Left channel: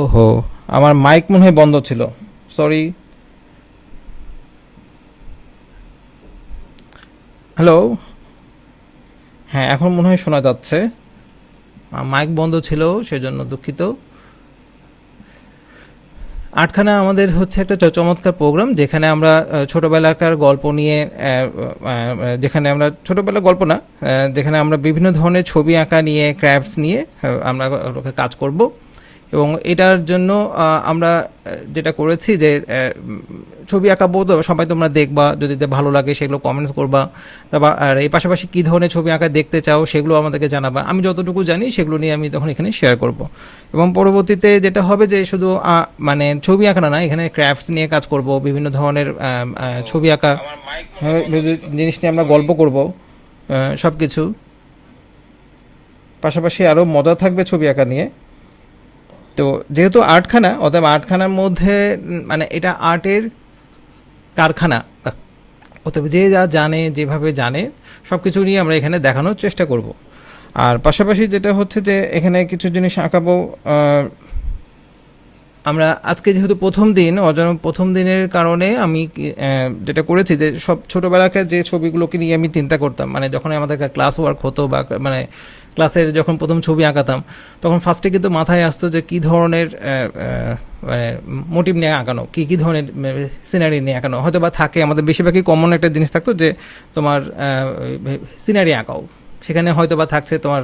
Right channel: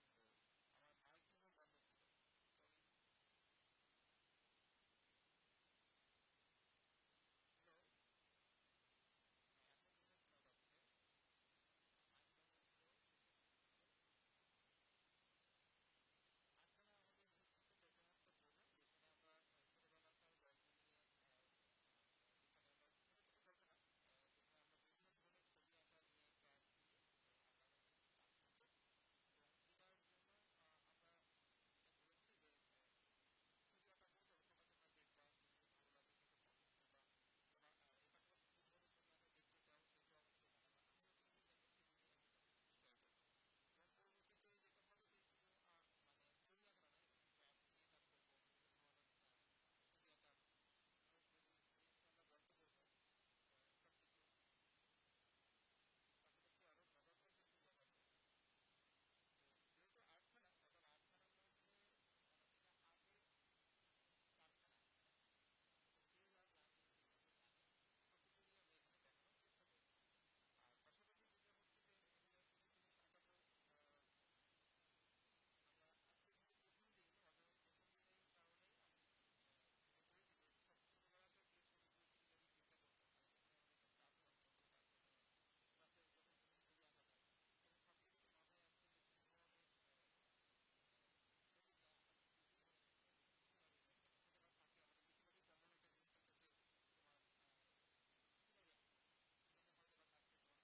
ওহো, আমার মাইক মনে হয় বন্ধ ছিল। সরি। হ্যালো। হ্যাঁ, এখন মনে হয় শোনা যাচ্ছে। মাইক বন্ধ ছিল, সেজন্য দুঃখিত। আটখানা আমাদের হচ্ছে একটা চমৎকার প্রোগ্রাম, যেখানে আমরা ছোটবেলাকার গল্প নিয়ে যেখানে আমরা ছোটবেলার গল্প না, যেখানে আমরা বিভিন্ন ধরনের ছবি আঁকা নিয়ে, ক্রাফটস নিয়ে আমরা কাজ করব। এবং এটার জন্য আমরা যেটা করেছি যে ছবি আঁকাবো, তো সবাই তোমরা দেখবা, যদি ভালো লাগে সেগুলো কমেন্টস করবা। তারপর আর এই পাশাপাশি কী ধরনের ছবি আঁকা দেখতে চাও সেগুলো আমাদেরকে জানাবা। আমি যতটুকু জানি সেগুলো নিয়ে আমি তখন এখানে শেয়ার করব। এবং পরবর্তীতে যেটা হবে যে শুধু মানে ছবি আঁকা না, এখানে ক্রাফটস নিয়ে কাজ করব, বিভিন্ন ধরনের ছবি আঁকা জিনিস নিয়ে আমরা গল্প করব, সব কিছু। পাশাপাশি আরও মজা থাকবে ছবি আঁকা নিয়ে। তো যেহেতু আর্টখানা, অতএব আর্টখানার মধ্যে মানে এটা আর্টের কারখানা, অতএব যে যা জানে, যেভাবে জানে, সব কিছু নিয়ে আমরা এখানে দেখানোর চেষ্টা করব। আর পাশাপাশি যেটা হচ্ছে যে এখানে কিছু জিনিস আঁকাবো। আমরা আজকে যেহেতু প্রথম দিন, প্রথম দিনের কারণে আমি যেটা করেছি যে সব ছোটোবেলাকার যে ছবিগুলোকে নিয়ে আমি চিন্তা করতাম, মানে যখন আমাদের ক্লাস ওয়ার্ক হতো বা মানে ক্লাসের যখন প্রথম ছবি আঁকাতাম, তখন ফার্স্টে কিন্তু মাথায় আসতো যে কী ধরনের মানে মোটিভ নিয়ে আঁকানো, কী ধরনের সিনারি নিয়ে আঁকানো হয়তো বা থাকে। আমাদের বেশিরভাগই কমন একটা জিনিস থাকতো যে তোমার সিনারি আঁকাও, সেখানে হয়তো বা থাকছে তোমার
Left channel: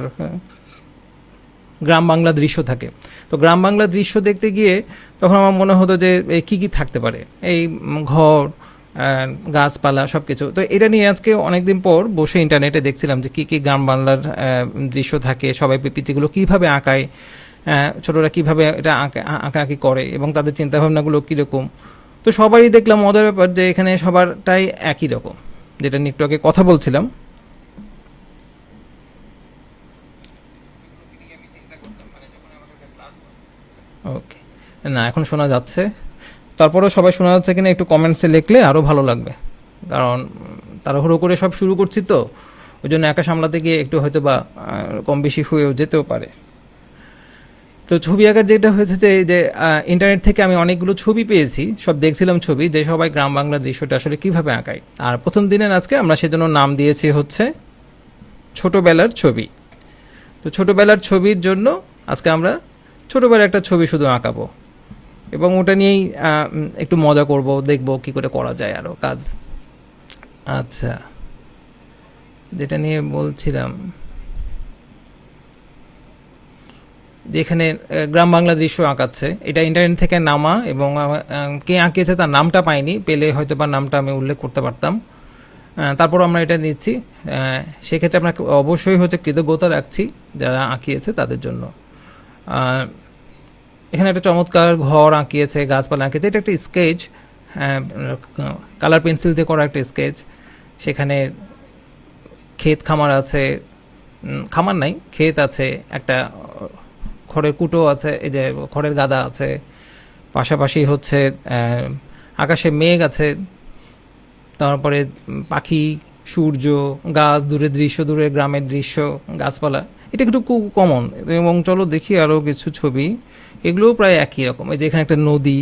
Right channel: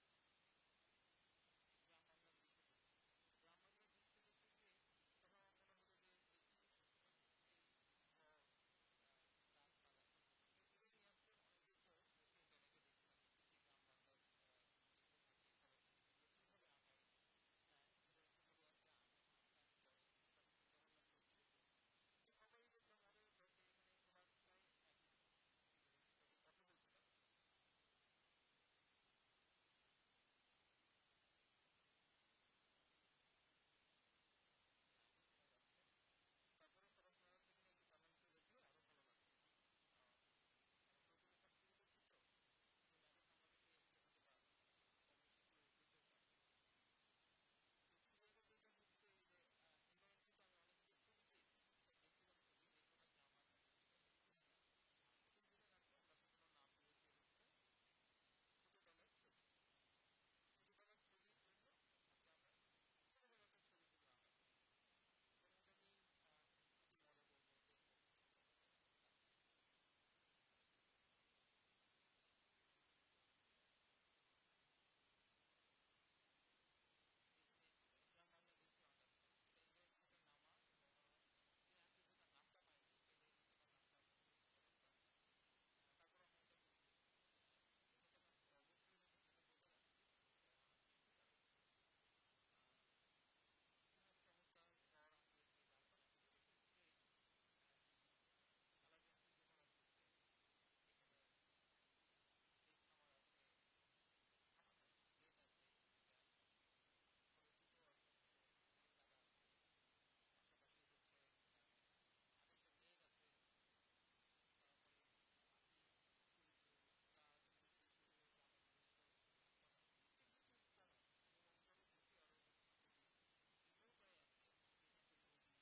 গ্রাম বাংলা দৃশ্য থাকে। তো গ্রাম বাংলা দৃশ্য দেখতে গিয়ে তখন আমার মনে হতো যে কী কী থাকতে পারে, এই ঘর, গাছপালা, সব কিছু। তো এটা নিয়ে আজকে অনেক দিন পর বসে ইন্টারনেটে দেখছিলাম যে কী কী গ্রাম বাংলার দৃশ্য থাকে, সবাই পিচিগুলো কীভাবে আঁকায়, ছোটরা কীভাবে এটা আঁকাআঁকি করে এবং তাদের চিন্তাভাবনাগুলো কীরকম। তো সবারই দেখলাম মজার ব্যাপার যে এখানে সবারটাই একই রকম, যেটা নিয়ে একটু আগে কথা বলছিলাম। ওকে, না এখন শোনা যাচ্ছে। তারপরেও সবাই শোনা যাচ্ছে কিনা একটু কমেন্টসে লিখলে আরও ভালো লাগবে, কারণ তাড়াহুড়ো করে সব শুরু করছি তো, ওই জন্য একা সামলাতে গিয়ে একটু হয়তো বা কম বেশি হয়েও যেতেও পারে। তো ছবি আঁকার যেটা হয়েছে যে এই যে ইন্টারনেট থেকে আমি অনেকগুলো ছবি পেয়েছি, সব দেখছিলাম ছবি, যে সবাই গ্রাম বাংলা দৃশ্যটা আসলে কীভাবে আঁকায়। আর প্রথম দিনের আজকে আমরা সেজন্য নাম দিয়েছি হচ্ছে ছোটোবেলার ছবি। তো ছোটোবেলার ছবির জন্য আজকে আমরা ছোটোবেলার একটা ছবি শুধু আঁকাবো, এবং ওটা নিয়েই একটু মজা করব, দেখব কি করে করা যায় আরও কাজ। আচ্ছা, যেটা নিয়ে বলছিলাম, যেখানে গ্রাম বাংলা দৃশ্য আঁকাচ্ছে, এটা ইন্টারনেট থেকে নামা, এবং কে আঁকিয়েছে তার নামটা পাইনি, পেলে হয়তো বা নামটা আমি উল্লেখ করতে পারতাম। তারপর আমরা এটা নিচ্ছি। সেক্ষেত্রে আমরা অবশ্যই হচ্ছে কৃতজ্ঞতা রাখছি যারা আঁকিয়েছে তাদের জন্য। এখানে একটা চমৎকার ঘর আঁকিয়েছে, গাছপালা আঁকিয়েছে, এটা একটা স্কেচ, কালার পেন্সিল দিয়ে করা একটা স্কেচ। সেখানে ক্ষেত খামার আছে, খামার নাই, ক্ষেত আছে, একটা খড়ের কুটো আছে, এই যে খড়ের গাদা আছে, পাশাপাশি হচ্ছে আকাশে মেঘ আছে, তারপরে পাখি, সূর্য, গাছ, দূরের দৃশ্য, দূরের গ্রামের দৃশ্য, গাছপালা। এটা একটু খুব কমন। এবং চলো দেখি আরও কিছু ছবি, এগুলোও প্রায় একই রকম। এই যে এখানে একটা নদী,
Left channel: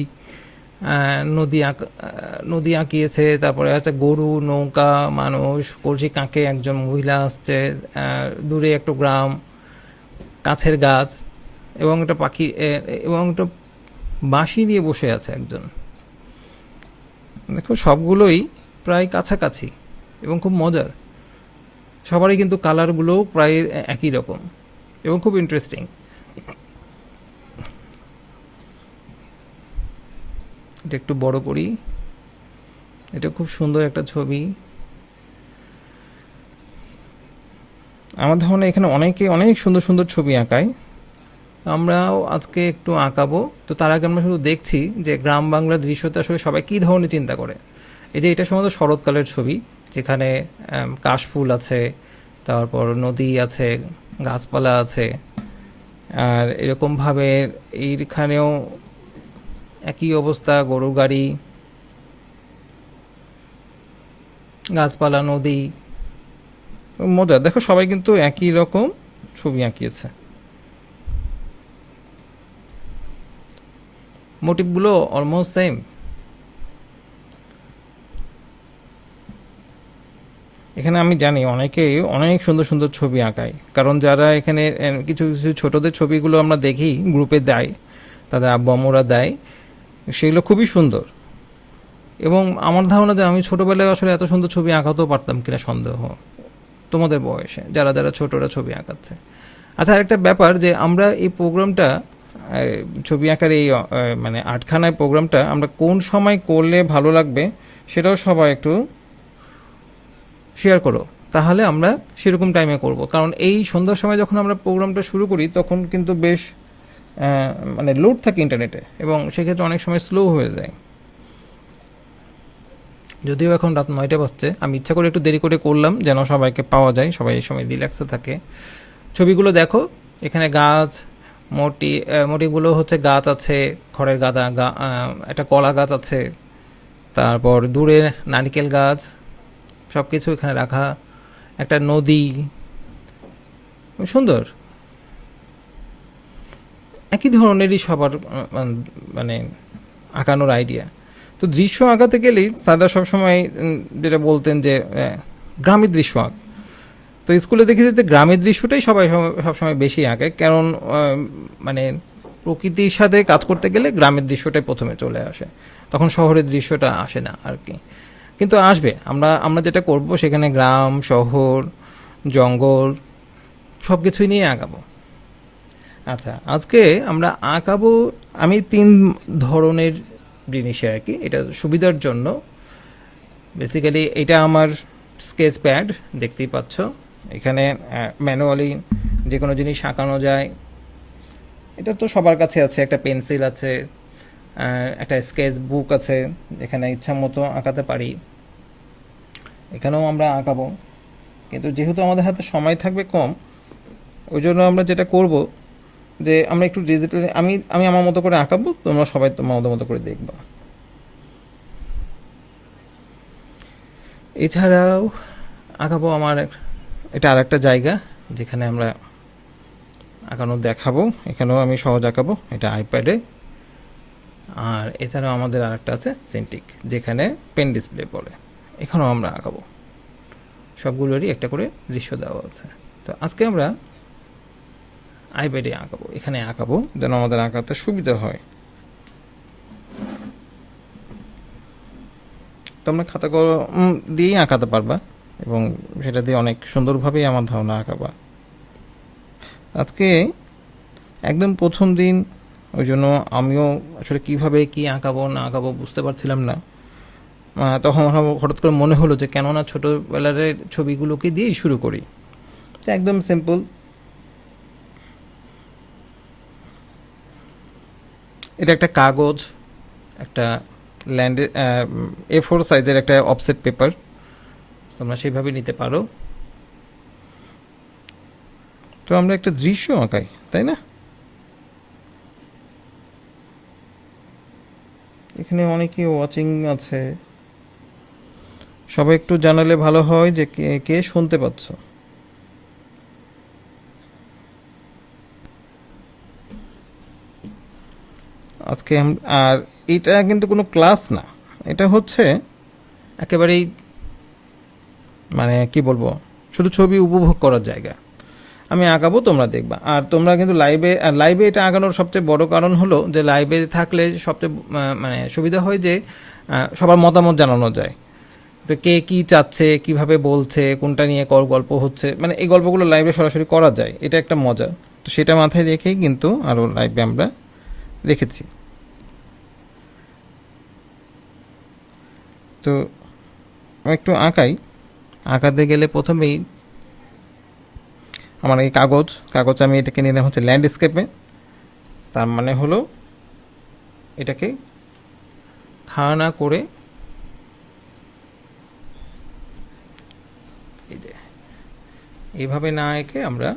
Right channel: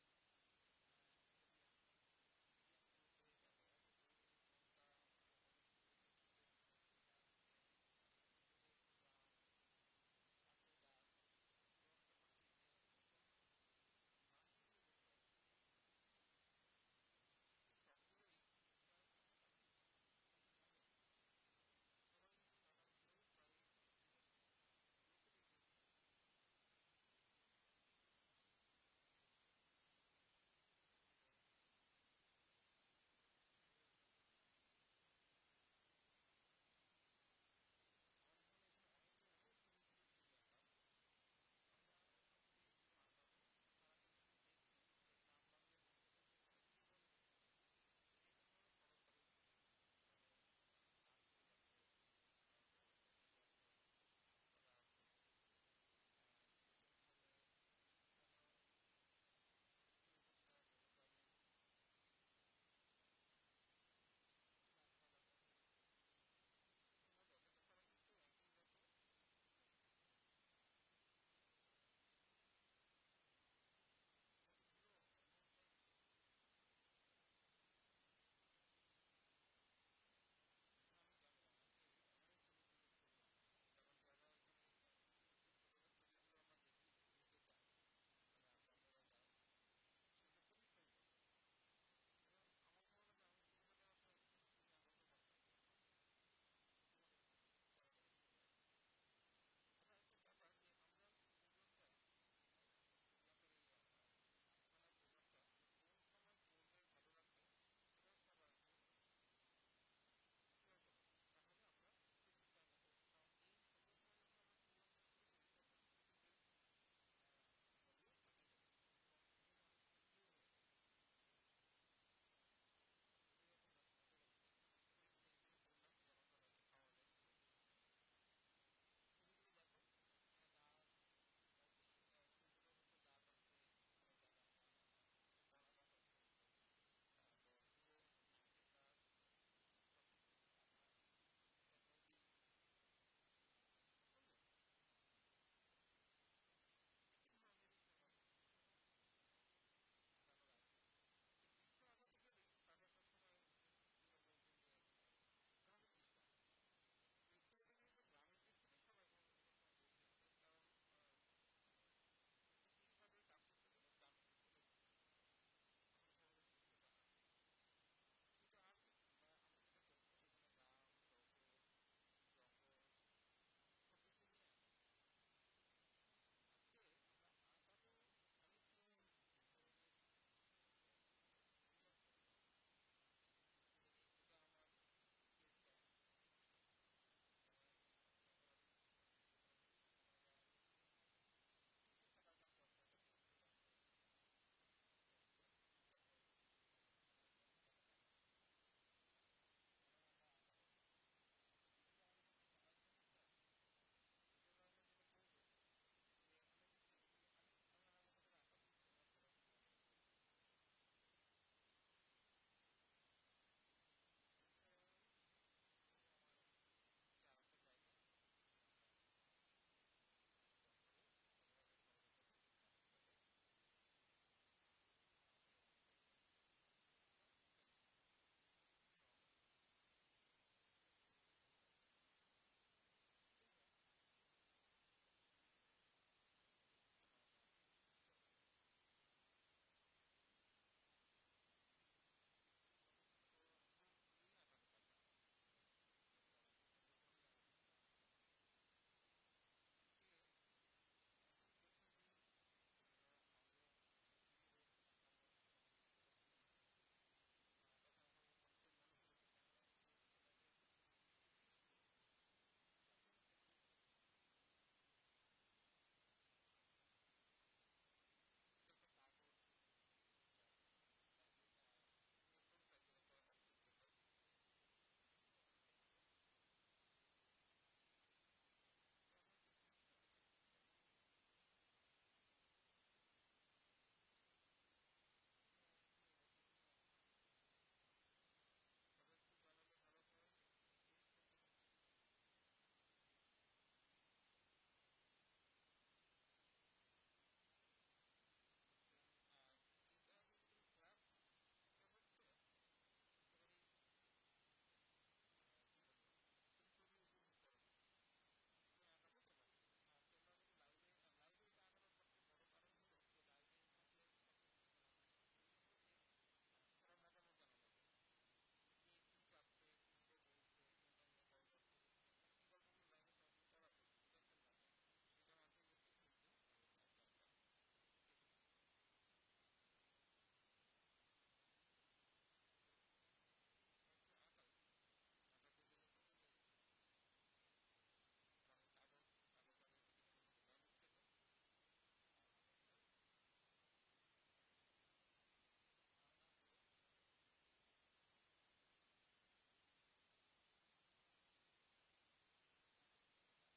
নদী আঁকিয়েছে, তারপরে আছে গরু, নৌকা, মানুষ, কলসি কাঁখে একজন মহিলা আসছে, দূরে একটা গ্রাম, কাছের গাছ, এবং একটা পাখি, এবং একটা বাঁশি নিয়ে বসে আছে একজন। দেখো সবগুলোই প্রায় কাছাকাছি এবং খুব মজার। সবারই কিন্তু কালারগুলোও প্রায় একই রকম এবং খুব ইন্টারেস্টিং। এটা একটু বড় করি, এটা খুব সুন্দর একটা ছবি। আমার ধারণা এখানে অনেকে অনেক সুন্দর সুন্দর ছবি আঁকায়, আমরাও আজকে একটু আঁকাবো। তো তার আগে আমরা শুধু দেখছি যে গ্রাম বাংলার দৃশ্যতে আসলে সবাই কী ধরনের চিন্তা করে। এই যে এটা সম্ভবত শরৎকালের ছবি, যেখানে কাশফুল আছে, তারপর নদী আছে, গাছপালা আছে, আর এরকমভাবে এইখানেও একই অবস্থা, গরু গাড়ি, গাছপালা, নদী, মজা। দেখো সবাই কিন্তু একই রকম ছবি আঁকিয়েছে। মোটিভগুলো অলমোস্ট সেম। এখানে আমি জানি অনেকেই অনেক সুন্দর সুন্দর ছবি আঁকায়, কারণ যারা এখানে কিছু কিছু ছোটদের ছবিগুলো আমরা দেখি গ্রুপে দেয়, তাদের আব্বু আম্মুরা দেয়, সেগুলো খুবই সুন্দর। এবং আমার ধারণা যে আমি ছোটোবেলায় আসলে এত সুন্দর ছবি আঁকাতেও পারতাম কিনা সন্দেহ, তোমাদের বয়সে যারা যারা ছোটরা ছবি আঁকাচ্ছে। আচ্ছা, আরেকটা ব্যাপার যে আমরা এই প্রোগ্রামটা, ছবি আঁকার এই মানে আটখানায় প্রোগ্রামটা আমরা কোন সময় করলে ভালো লাগবে সেটাও সবাই একটু শেয়ার করো, তাহলে আমরা সেরকম টাইমে করব। কারণ এই সন্ধ্যার সময় যখন আমরা প্রোগ্রামটা শুরু করি তখন কিন্তু বেশ মানে লোড থাকে ইন্টারনেটে, এবং সেক্ষেত্রে অনেক সময় স্লো হয়ে যায়। যদিও এখন রাত 9টা বাজছে, আমি ইচ্ছা করে একটু দেরি করে করলাম যেন সবাইকে পাওয়া যায়, সবাই এই সময় রিল্যাক্সে থাকে। ছবিগুলো দেখো, এখানে গাছ, মোটিগুলো হচ্ছে গাছ আছে, খড়ের গাদা, একটা কলা গাছ আছে, তারপর দূরে নারকেল গাছ, সব কিছু এখানে রাখা, একটা নদী, সুন্দর। একই ধরনেরই সবার মানে আঁকানোর আইডিয়া। তো দৃশ্য আঁকাতে গেলেই স্যাররা সবসময় যেটা বলতেন যে গ্রামের দৃশ্য আঁক। তো স্কুলে দেখেছি যে গ্রামের দৃশ্যটাই সবাই সবসময় বেশি আঁকে, কারণ মানে প্রকৃতির সাথে কাজ করতে গেলে গ্রামের দৃশ্যটাই প্রথমে চলে আসে, তখন শহরের দৃশ্যটা আসে না আর কি। কিন্তু আসবে, আমরা আমরা যেটা করব সেখানে গ্রাম, শহর, জঙ্গল সব কিছুই নিয়ে আঁকাবো। আচ্ছা, আজকে আমরা আঁকাবো আমি 3 ধরনের জিনিসে আর কি, এটা সুবিধার জন্য। বেসিক্যালি এটা আমার স্কেচ প্যাড, দেখতেই পাচ্ছ। এখানে ম্যানুয়ালি যে কোনো জিনিস আঁকানো যায়, এটা তো সবার কাছে আছে। একটা পেন্সিল আছে, একটা স্কেচ বুক আছে, যেখানে ইচ্ছা মতো আঁকাতে পারি। এখানেও আমরা আঁকাবো, কিন্তু যেহেতু আমাদের হাতে সময় থাকবে কম, ওই জন্য আমরা যেটা করব যে আমরা একটু ডিজিটাল, আমি আমি আমার মতো করে আঁকাবো, তোমরা সবাই তোমাদের মতো করে দেখবা। এছাড়াও আঁকাবো আমার এটা আর একটা জায়গা যেখানে আমরা আঁকানো দেখাবো, এখানেও আমি সহজ আঁকাবো, এটা আইপ্যাডে। আর এছাড়াও আমাদের আর একটা আছে সিন্টিক, যেখানে পেন ডিসপ্লে বলে, এখানেও আমরা আঁকাবো। সবগুলোরই একটা করে দৃশ্য দেওয়া আছে। তো আজকে আমরা আইপ্যাডে আঁকাবো, এখানে আঁকাবো যেন আমাদের আঁকাতে সুবিধা হয়। তোমরা খাতা কলম দিয়েই আঁকাতে পারবা, এবং সেটা দিয়ে অনেক সুন্দরভাবেই আমার ধারণা আঁকাবা। আজকে একদম প্রথম দিন, ওই জন্য আমিও আসলে কীভাবে কী আঁকাবো না আঁকাবো বুঝতে পারছিলাম না। তখন হঠাৎ করে মনে হলো যে কেননা ছোটোবেলার ছবিগুলোকে দিয়েই শুরু করি। তো একদম সিম্পল, এটা একটা কাগজ, একটা ল্যান্ডের A4 সাইজের একটা অফসেট পেপার, তোমরা সেইভাবে নিতে পারো। তো আমরা একটা দৃশ্য আঁকাই, তাই না? এখানে অনেকে ওয়াচিং আছে, সবাই একটু জানালে ভালো হয় যে কে কে শুনতে পাচ্ছ। আজকে আর এটা কিন্তু কোনো ক্লাস না, এটা হচ্ছে একেবারেই মানে কি বলবো, শুধু ছবি উপভোগ করার জায়গা। আমি আঁকাবো, তোমরা দেখবা। আর তোমরা কিন্তু লাইভে, আর লাইভে এটা আঁকানোর সবচেয়ে বড় কারণ হলো যে লাইভে থাকলে সবচেয়ে মানে সুবিধা হয় যে সবার মতামত জানানো যায়। তো কে কী চাচ্ছে, কিভাবে বলছে, কোনটা নিয়ে গল্প হচ্ছে, মানে এই গল্পগুলো লাইভে সরাসরি করা যায়, এটা একটা মজা। তো সেটা মাথায় রেখেই কিন্তু আরও লাইভে আমরা রেখেছি। তো আমি একটু আঁকাই। আঁকাতে গেলে প্রথমেই আমার এই কাগজ আমি এটাকে নিলাম হচ্ছে ল্যান্ডস্কেপে। তার মানে হলো এটাকে খাড়া না করে এই যে এইভাবে না এঁকে আমরা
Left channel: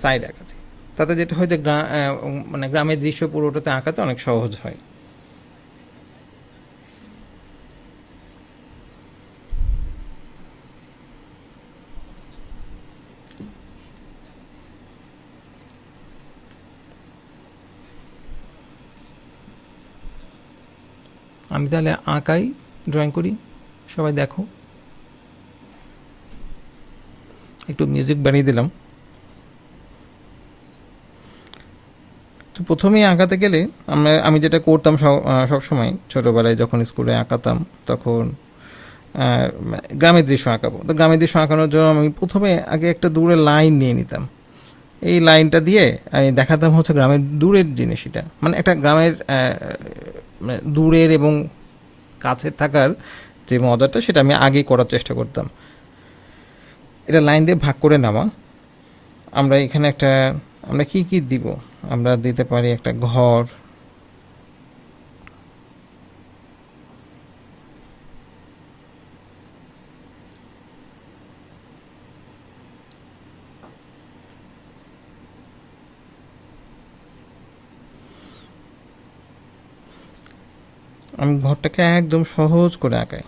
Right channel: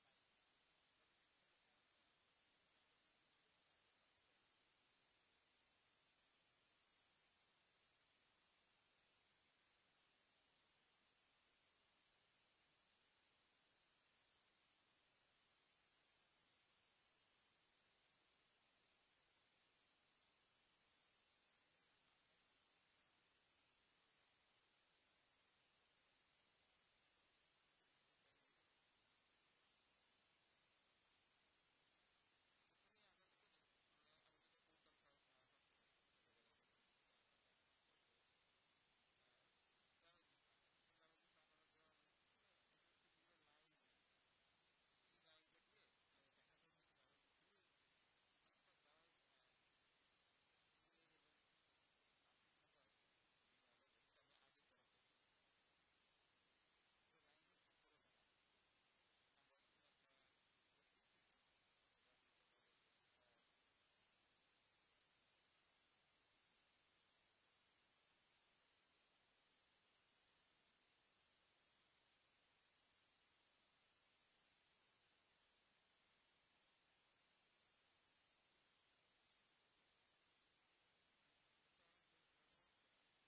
সাইড আঁকাচ্ছি, তাতে যেটা হয় যে মানে গ্রামের দৃশ্য পুরোটাতে আঁকাতে অনেক সহজ হয়। আমি তাহলে আঁকাই, ড্রয়িং করি, সবাই দেখো। একটু মিউজিক বানিয়ে দিলাম। তো প্রথমেই আঁকাতে গেলে আমি যেটা করতাম সব সময় ছোটোবেলায় যখন স্কুলে আঁকাতাম, তখন গ্রামের দৃশ্য আঁকাবো। তো গ্রামের দৃশ্য আঁকানোর জন্য আমি প্রথমে আগে একটা দূরে লাইন নিয়ে নিতাম। এই লাইনটা দিয়ে আমি দেখাতাম হচ্ছে গ্রামের দূরের জিনিস। এটা মানে একটা গ্রামের মানে দূরের এবং কাছে থাকার যে মজাটা, সেটা আমি আগে করার চেষ্টা করতাম। এটা লাইন দিয়ে ভাগ করে নেওয়া। আমরা এখানে একটা, আমরা কি কি দিব, আমরা দিতে পারি একটা ঘর, আমি ঘরটাকে একদম সহজ করে আঁকাই।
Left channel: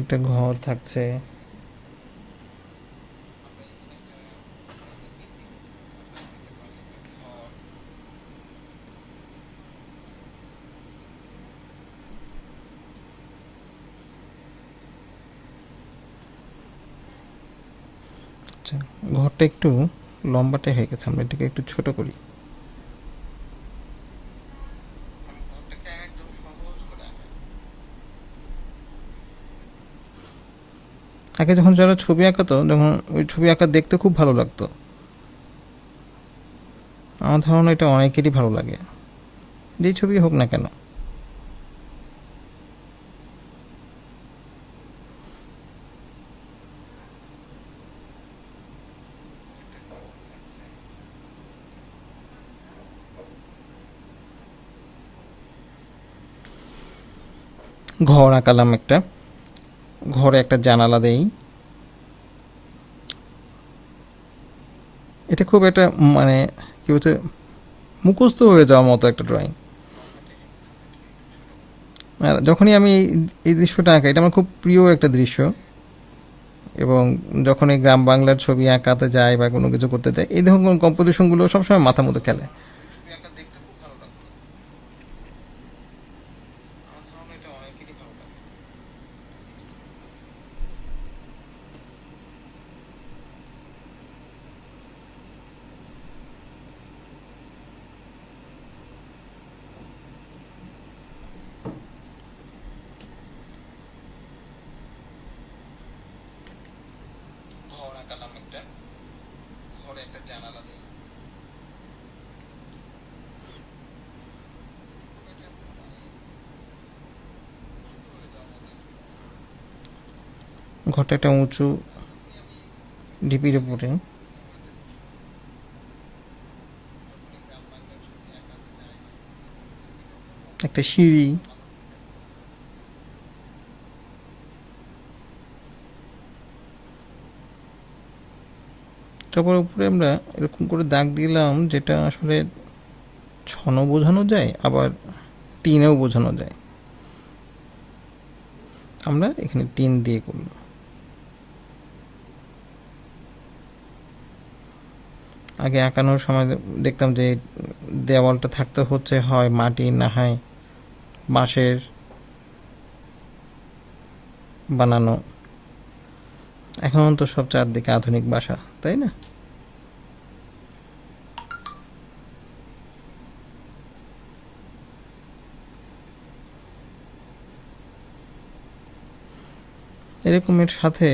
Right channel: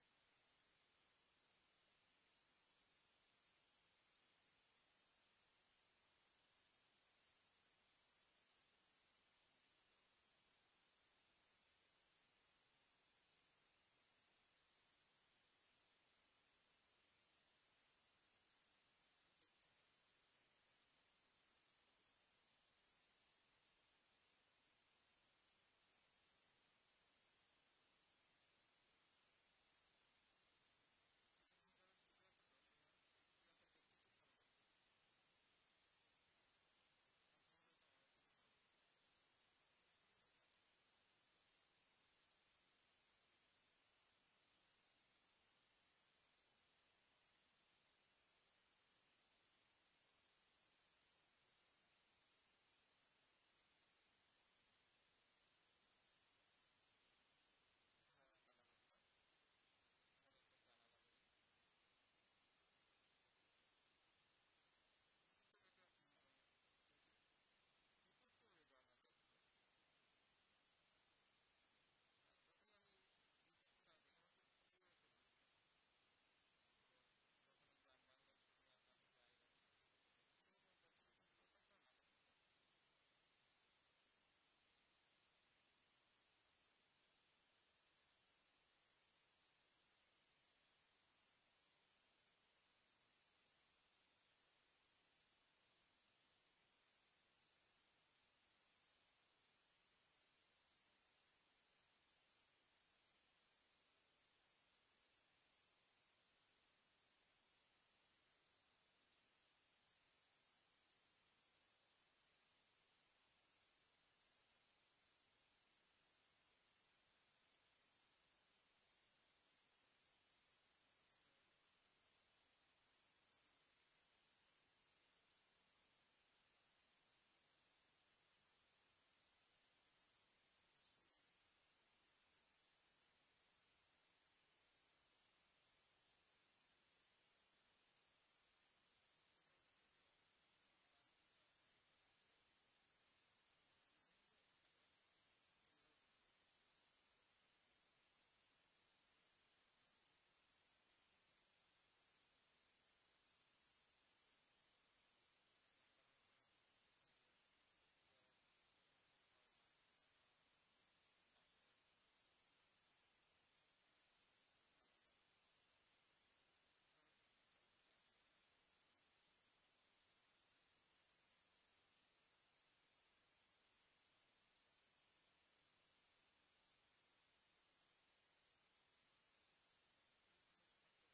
একটা ঘর থাকছে, আচ্ছা ঘরটা একটু লম্বাটে হয়ে গেছে, আমরা এটাকে একটু ছোট করি। আগে যখন যারা ছবি আঁকাতো, যখন ওই ছবি আঁকা দেখতে খুব ভালো লাগতো। আমার ধারণা এটা অনেকেরই ভালো লাগে, যেই ছবি হোক না কেন। ঘর আঁকালাম একটা, ঘরে একটা জানালা দেই। এটা খুব একটা মানে কি বলতে, মুখস্থ হয়ে যাওয়ার মতো একটা ড্রয়িং। আর যখনই আমি এই দৃশ্যটা আঁকাই, এটা আমার খুব প্রিয় একটা দৃশ্য। এবং যখন এই গ্রাম বাংলার ছবি আঁকাতে যাই বা কোনো কিছু করতে যাই, এই ধরনের কম্পোজিশনগুলো সবসময় মাথার মধ্যে খেলে। ঘর আঁকালাম একটা, ঘরে একটা জানালা দেই। ঘরটা একটা উঁচু ঢিপির উপরে, একটা সিঁড়ি, তারপর উপরে আমরা এরকম করে দাগ দিলাম, যেটা আসলে ছনও বোঝানো যায়, আবার টিনেও বোঝানো যায়। আমরা এখানে টিন দিয়ে করলাম। আগে আঁকানোর সময় দেখতাম যে দেওয়ালটা থাকতে হচ্ছে হয় মাটির, না হয় বাঁশের বানানো। এখন তো সব চারদিকে আধুনিক বাসা, তাই না? এরকমের সাথে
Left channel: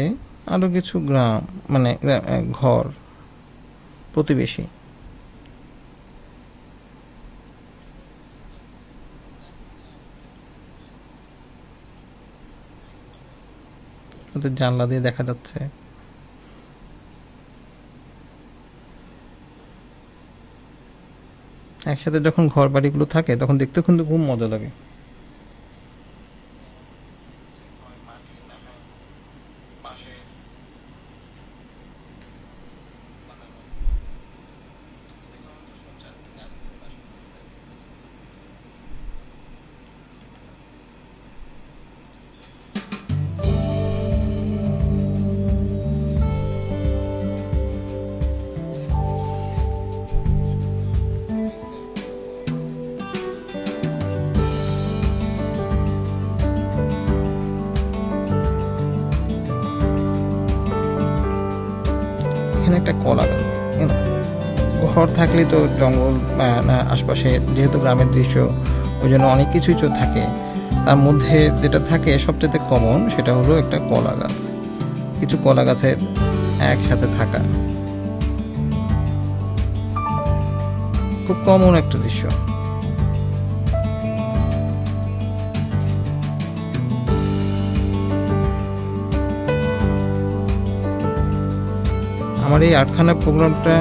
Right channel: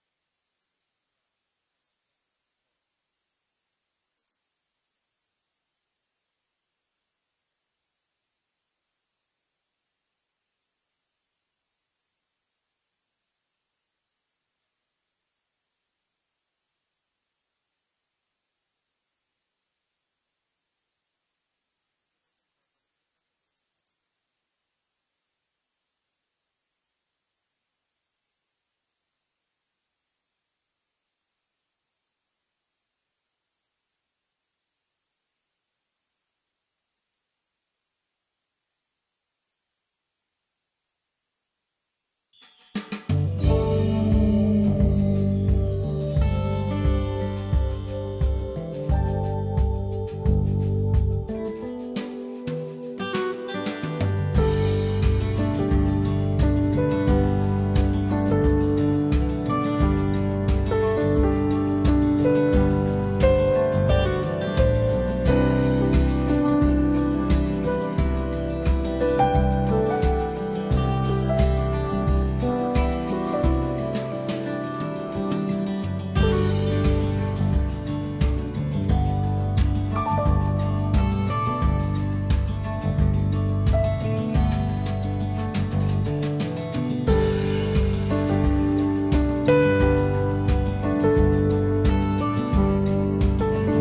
আরও কিছু গ্রাম, মানে ঘর প্রতিবেশী, ওদের জানলা দিয়ে দেখা যাচ্ছে। একসাথে যখন ঘর বাড়িগুলো থাকে তখন দেখতেও কিন্তু খুব মজা লাগে। ঘর থাকলে তো জঙ্গল আশপাশে, যেহেতু গ্রামের দৃশ্য, ওই জন্য অনেক কিছুই থাকে। তার মধ্যে যেটা থাকে সবচেয়ে কমন, সেটা হলো একটা কলা গাছ, কিছু কলা গাছের একসাথে থাকা, খুব কমন একটা দৃশ্য। আমার এই আর্টখানা প্রোগ্রামটা,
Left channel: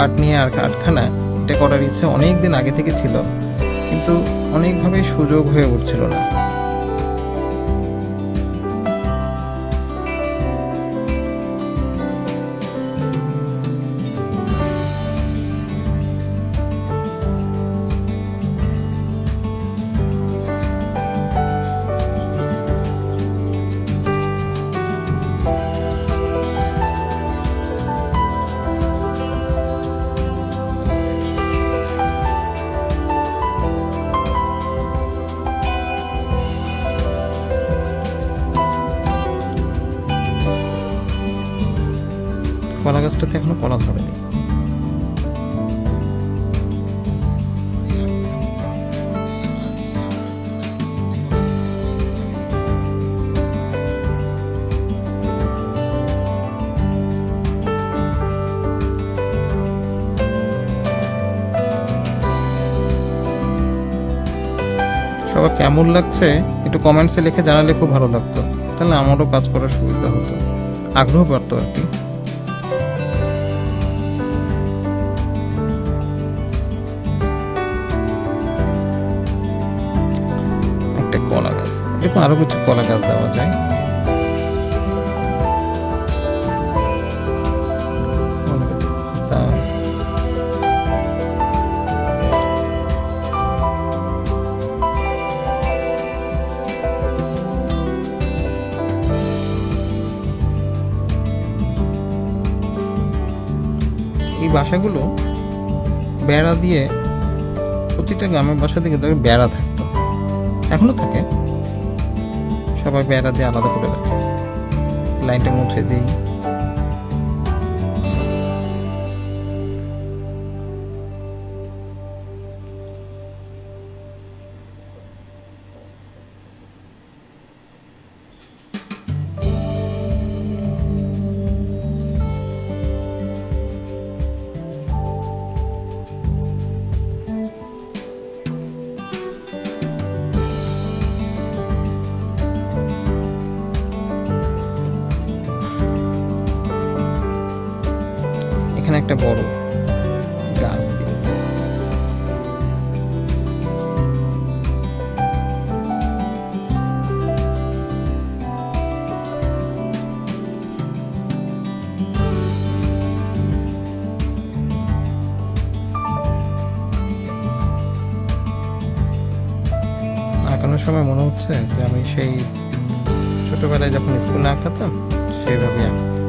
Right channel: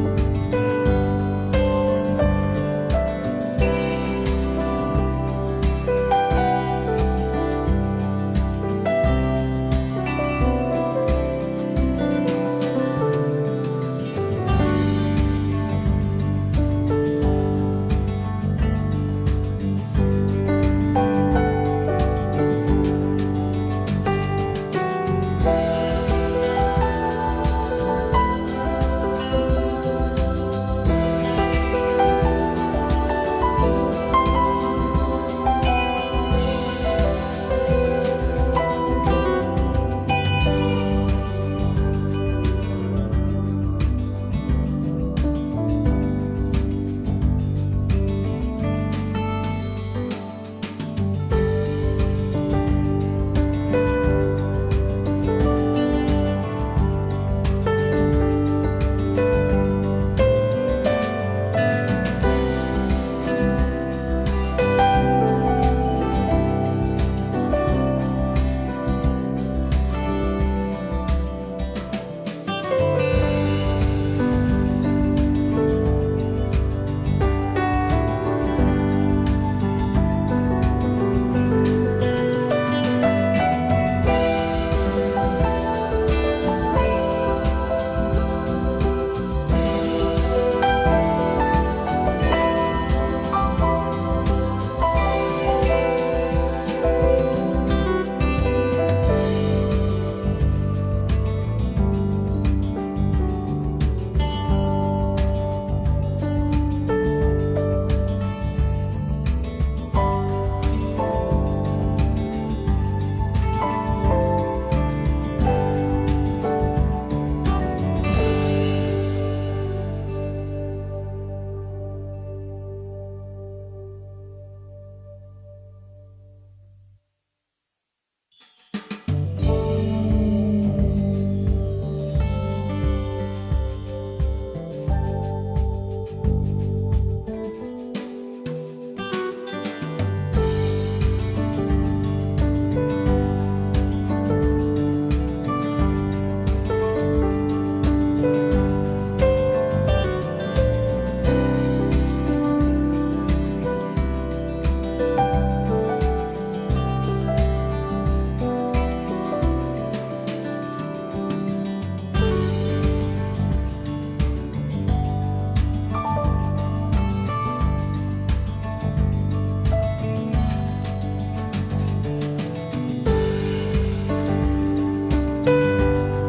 আর্ট নিয়ে আর্টখানা, এটা করার ইচ্ছা অনেক দিন আগে থেকে ছিল, কিন্তু অনেকভাবে সুযোগ হয়ে উঠছিল না। কলা গাছটাতে এখনো কলা ধরেনি। সবার কেমন লাগছে একটু কমেন্টসে লিখে জানালে খুব ভালো লাগতো, তাহলে আমারও কাজ করার সুবিধা হতো, আগ্রহ বাড়তো আর কি। একটা কলা গাছ, এরকম আরো কিছু কলা গাছ দেওয়া যায়। এই বাসাগুলো বেড়া দিয়ে, প্রতিটা গ্রামের বাসা থেকে বেড়া থাকতো, এখনো থাকে, সবাই বেড়া দিয়ে আলাদা করে রাখে, লাইনটা মুছে দিই। একটা বড় গাছ দিয়ে আঁকানোর সময় মনে হচ্ছে যে আমি সেই ছোটবেলায় যখন স্কুলে আঁকাতাম সেইভাবে আঁকাচ্ছি।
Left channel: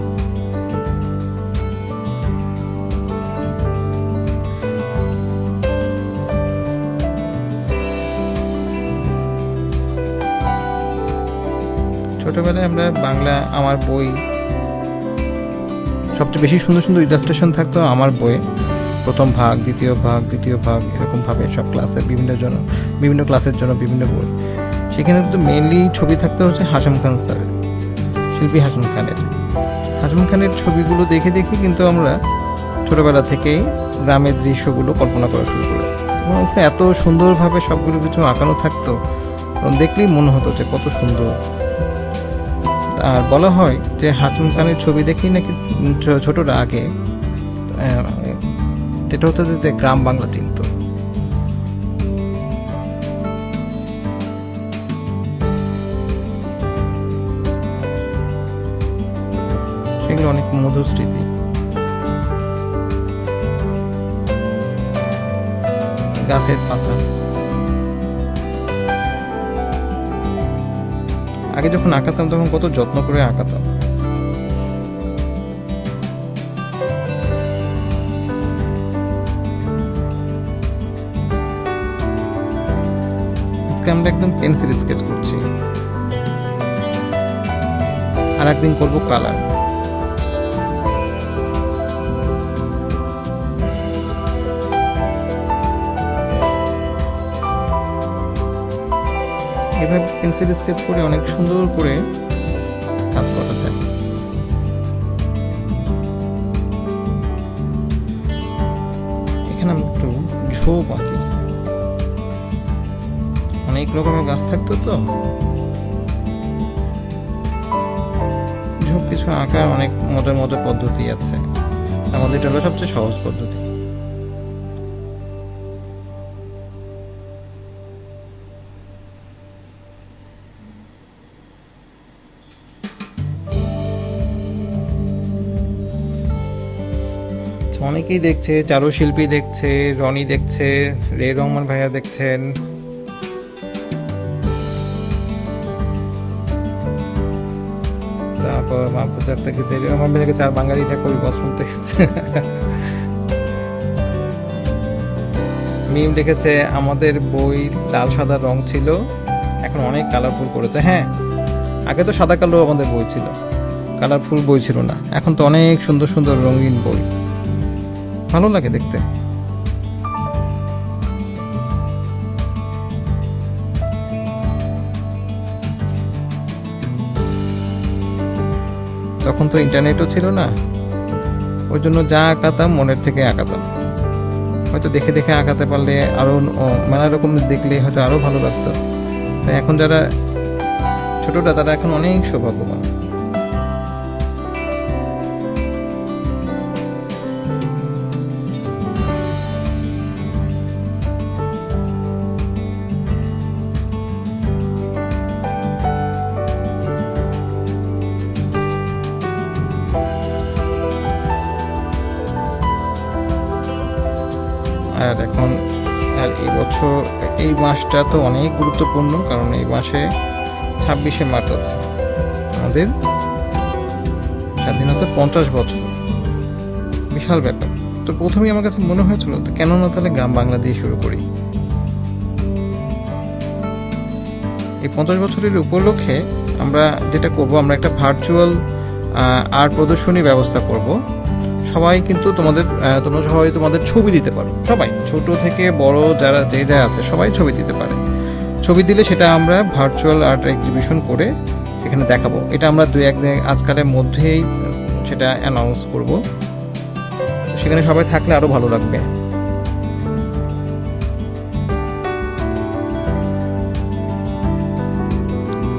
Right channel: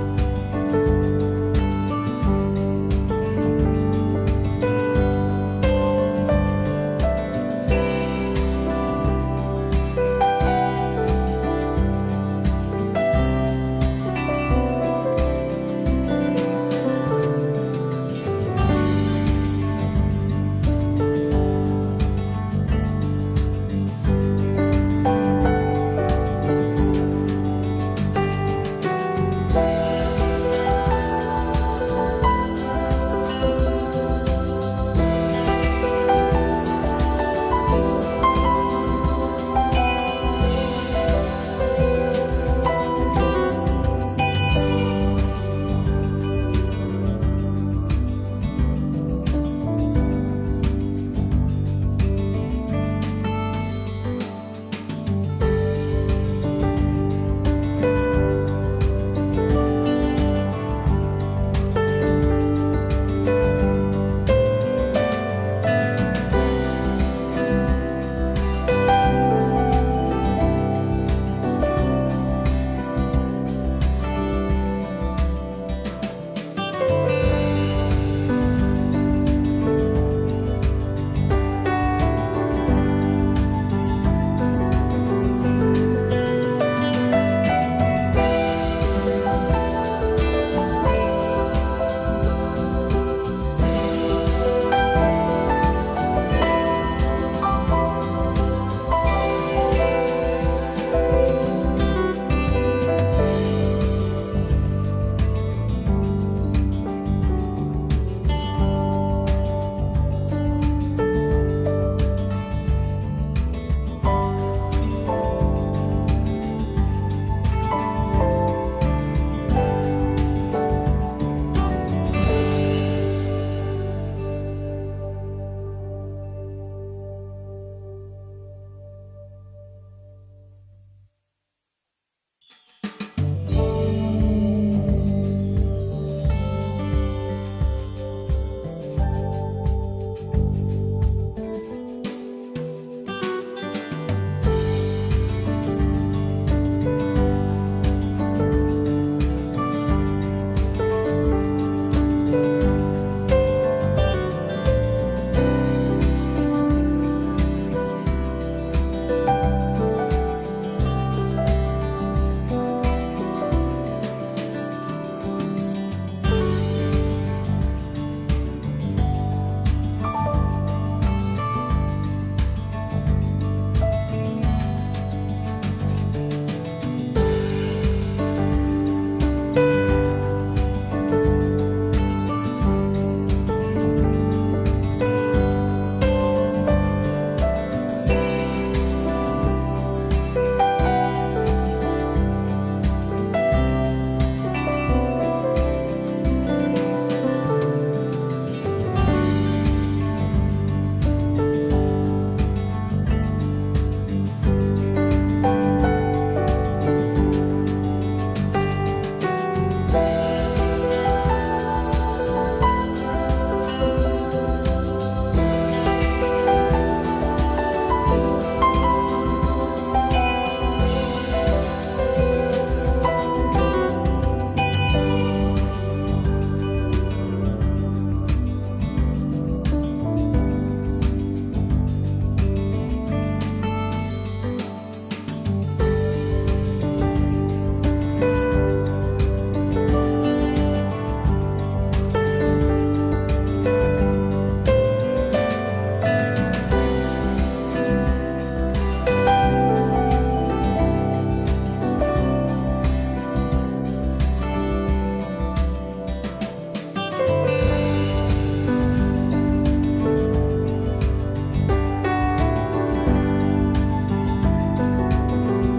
ছোটবেলায় আমরা বাংলা, আমার বই, সবচেয়ে বেশি সুন্দর সুন্দর ইলাস্ট্রেশন থাকতো আমার বইয়ে, প্রথম ভাগ, দ্বিতীয় ভাগ, তৃতীয় ভাগ, এরকমভাবে সব ক্লাসে বিভিন্ন ক্লাসের জন্য বিভিন্ন বই। সেখানে কিন্তু মেইনলি ছবি থাকতে হচ্ছে হাশেম খান স্যারের, শিল্পী হাশেম খানের। হাশেম খানের ছবিগুলো দেখে দেখে কিন্তু আমরা ছোটবেলা থেকেই গ্রামের দৃশ্যগুলো কল্পনা করা শুরু করেছি, এবং এত সুন্দরভাবে সবগুলো কিছু আঁকানো থাকতো, দেখলেই মনে হতো যে কত সুন্দর। আর বলা হয় যে হাশেম খানের ছবি দেখেই নাকি ছোটরা আগে যেটা হতো যে গ্রাম বাংলা চিনত। সেগুলো অনেক মধুর স্মৃতি। গাছের পাতা, আগে যখন আঁকাতাম তখন কত যত্ন করে আঁকাতাম। আজকে আমরা একদম পেন্সিল স্কেচ করছি, আর একদিন করবো কালার। স্কেচ করে অনেক সুন্দর করে কাজ করা যায়। এখানে আমি একটু ঝোপ আঁকি, অনেক রকমের গাছ থাকতো তো ঝোপ কিছু আঁকার অনেক মজার মজার পদ্ধতি আছে, আমাদের এটা হলো সবচেয়ে সহজ পদ্ধতি। অনেকেই দেখছে, চারুশিল্পী দেখছে, রনি দেখছে, রে রহমান ভাইয়া দেখছেন, তারপর মাহফুজ আক্তার দেখেছে, রে রহমান ভাইয়া দেখেছে, আর বাঙালিটা কবি বসন্ত দেখেছে, মিম দেখেছে আমাদের বই লাল সাদা রং ছিল, এখন অনেক কালারফুল করেছে। হ্যাঁ, আগে তো সাদা কালো আমাদের বই ছিল, কালারফুল বই ছিল না, এখন তো অনেক সুন্দর সুন্দর রঙিন বই, ভালো লাগে দেখতে। তখন তো ইন্টারনেটও ছিল না, ওই জন্য যা আঁকাতাম মনের থেকে আঁকাতাম, হয়তো দেখে দেখে আঁকাতে পারলে আরো নানা রকম দেখলে হয়তো আরো ভালো লাগতো। তাই এখন যারা ছোটটা তারা এখন অনেক সৌভাগ্যবান। আর এখন এই বছর এই মাসটা তো অনেক গুরুত্বপূর্ণ, কারণ এই মাসে 26শে মার্চ আছে আমাদের স্বাধীনতা 50 বছর, বিশাল ব্যাপার। তো প্রথমেই আমার কাছে মনে হয়েছিল কেন না তাহলে গ্রাম বাংলা দিয়ে শুরু করি। এই 50 বছরের উপলক্ষে আমরা যেটা করব, আমরা একটা ভার্চুয়াল আর্ট প্রদর্শনী ব্যবস্থা করব। সবাই কিন্তু তোমরা সবাই তোমাদের ছবি দিতে পারো, সবাই ছোট থেকে বড় যারা যে যা আছে সবাই ছবি দিতে পারে। ছবি দিলে সেটা আমরা ভার্চুয়াল আর্ট এক্সিবিশন করে এখানে দেখাবো। এটা আমরা আজকালের মধ্যেই সেটা অ্যানাউন্স করব, সেখানে সবাই থাকলে আরো ভালো লাগবে।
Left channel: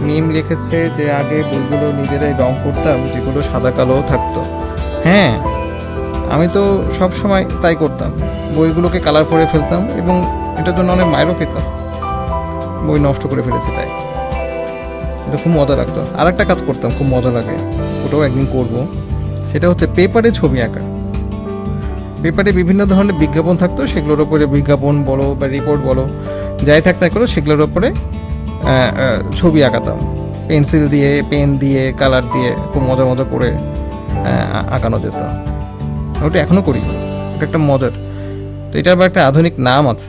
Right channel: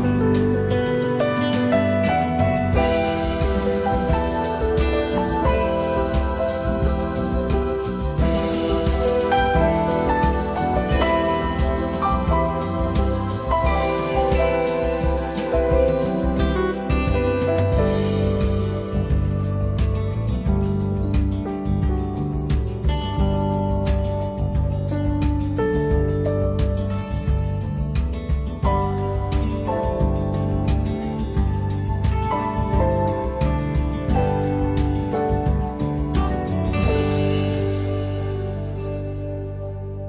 মিম লিখেছে যে আগে বইগুলো নিজেরাই রং করতাম, যেগুলো সাদা কালো থাকতো। হ্যাঁ, আমি তো সব সময় তাই করতাম, বইগুলোকে কালার করে ফেলতাম এবং এটার জন্য অনেক মাইরও পেতাম, বই নষ্ট করে ফেলেছি তাই। এটা খুব মজা লাগতো। আর একটা কাজ করতাম, খুব মজা লাগে, ওটাও একদিন করব। সেটা হচ্ছে পেপারে ছবি আঁকা। পেপারে বিভিন্ন ধরনের বিজ্ঞাপন থাকতো, সেগুলোর উপরে বিজ্ঞাপন বলো বা রিপোর্ট বলো যাই থাক না করো, সেগুলোর উপরে ছবি আঁকাতাম, পেন্সিল দিয়ে, পেন দিয়ে, কালার দিয়ে খুব মজা মজা করে আঁকানো যেত। ওটা এখনো করি, ওটা একটা মজার। তো এটার আবার একটা আধুনিক নাম আছে,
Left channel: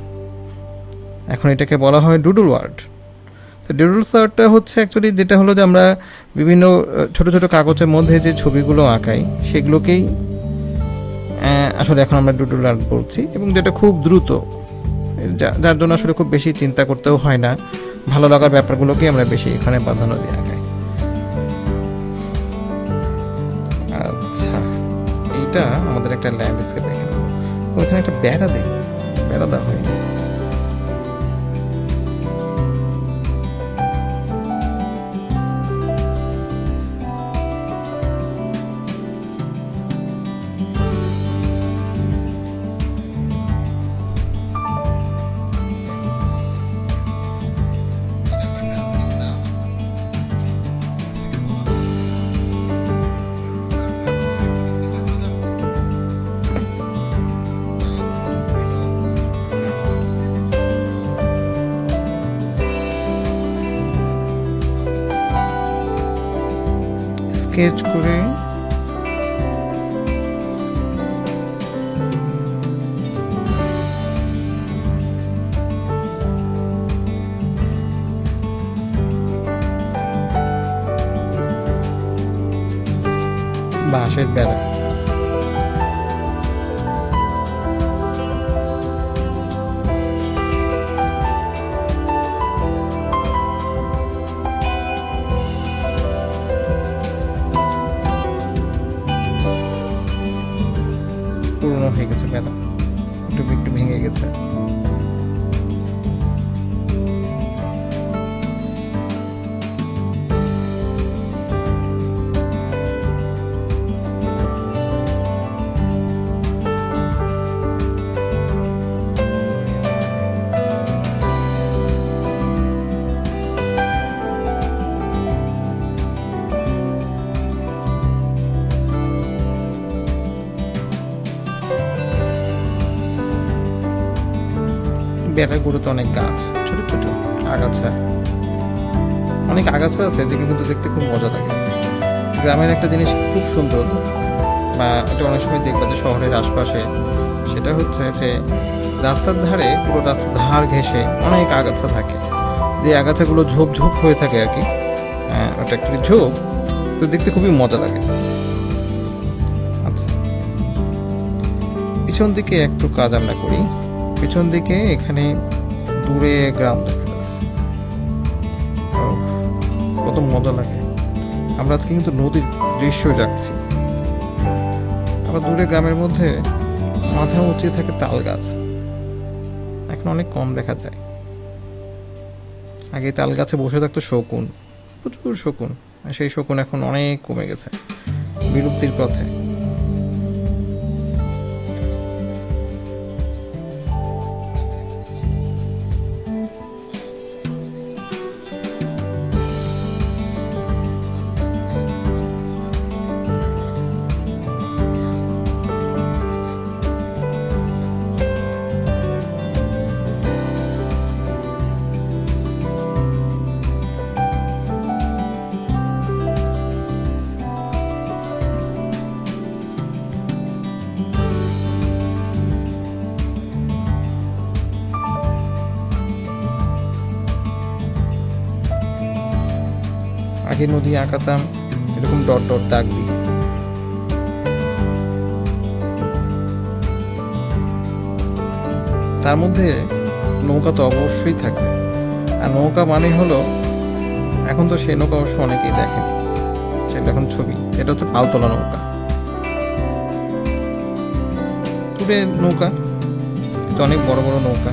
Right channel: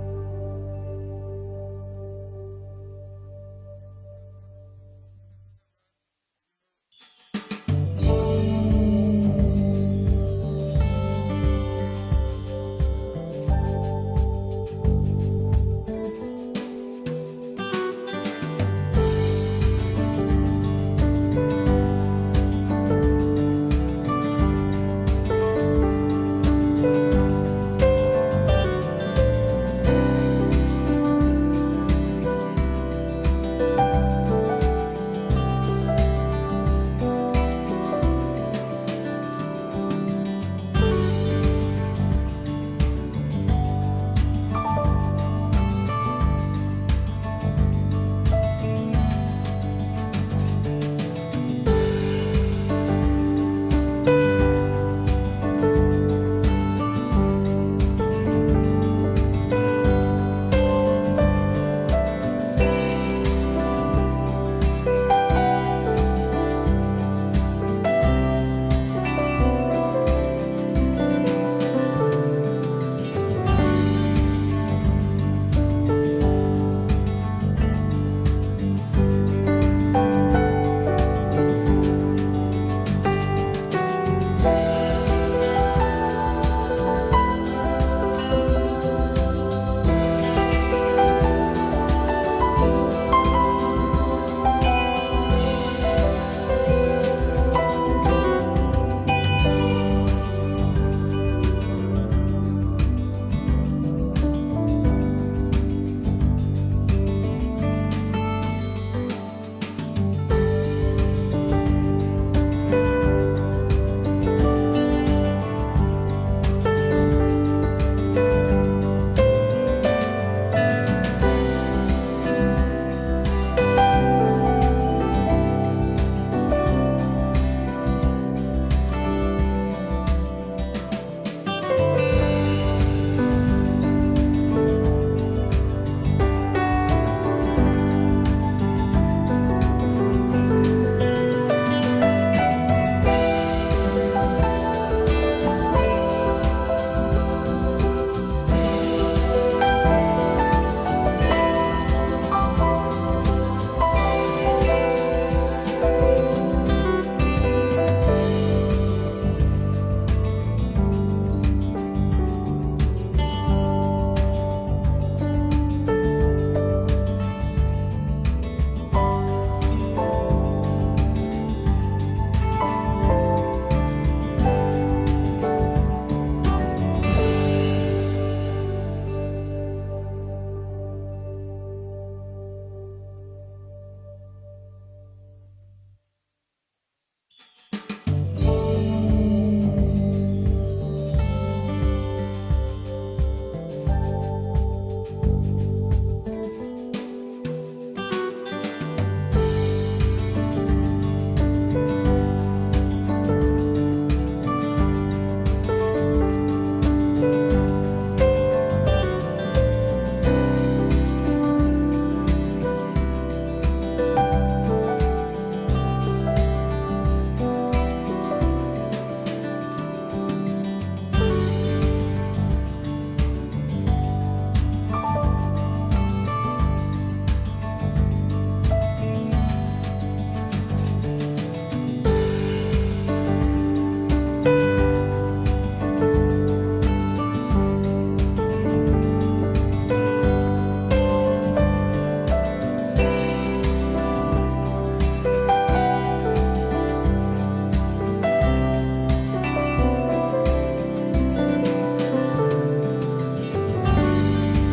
এখন এটাকে বলা হয় ডুডল আর্ট। তো ডুডল আর্টটা হচ্ছে অ্যাকচুয়ালি যেটা হলো যে আমরা বিভিন্ন ছোট ছোট কাগজের মধ্যে যে ছবিগুলো আঁকাই সেগুলোকেই আসলে এখন আমরা ডুডল আর্ট করছি, এবং যেটা খুব দ্রুত, যার জন্য আসলে খুব বেশি চিন্তা করতেও হয় না, ভালো লাগার ব্যাপারগুলোকে আমরা বেশি এখানে প্রাধান্য দিয়ে আঁকাই। আচ্ছা, এইটা আমাদের একটা ল্যান্ডস্কেপ, ওইখানে একটা বেড়া দেওয়া হয়। স্কেচ করে বাঁশের বেড়া, বেড়াগুলোতে অনেক গাছ, ছোট ছোট আগাছা, অনেক আগাছা আছে যেগুলো কিন্তু দেখতে খুব মজা লাগে। গ্রামের একটা জিনিস খুব সুন্দর, বা এটা অনেক সময় দেখবে যে শহরের আশপাশে, সেটা হচ্ছে যে রাস্তার ধারে, পুরো রাস্তার ধার ঘেঁষে অনেক আগাছা থাকে, যে আগাছাগুলো ঝোপ ঝোপ হয়ে থাকে আর কি। ওটা একটু ঝোপ, তো দেখতে খুবই মজা লাগে। আচ্ছা, পিছন দিকে একটু কাজ আমরা করি। পিছন দিকে এখানে দূরে গ্রাম দেখা যাচ্ছে, কত মজা লাগে। আমরা আজকে কিন্তু নদীর দৃশ্য যাচ্ছি। আবার দূরে গ্রামের মধ্যে মাথা উঁচিয়ে থাকে তাল গাছ, এখন অনেক কম দেখা যায়। আগে তাল গাছে বসে থাকতো শকুন, প্রচুর শকুন, আর সেই শকুন এখন অনেক কমে গেছে, বিলুপ্তির পথে। আগে নদী আঁকাতাম এরকম ডট ডট দাগ দিয়ে, তার মধ্যে নৌকা তো অবশ্যই থাকে। আর নৌকা মানে হলো, এখন তো সেই নৌকা অবশ্য অনেকেই দেখে, সেটা এখন ছবি, এটা হচ্ছে পালতোলা নৌকা। দূরে নৌকা তো অনেক বড় বড় নৌকা।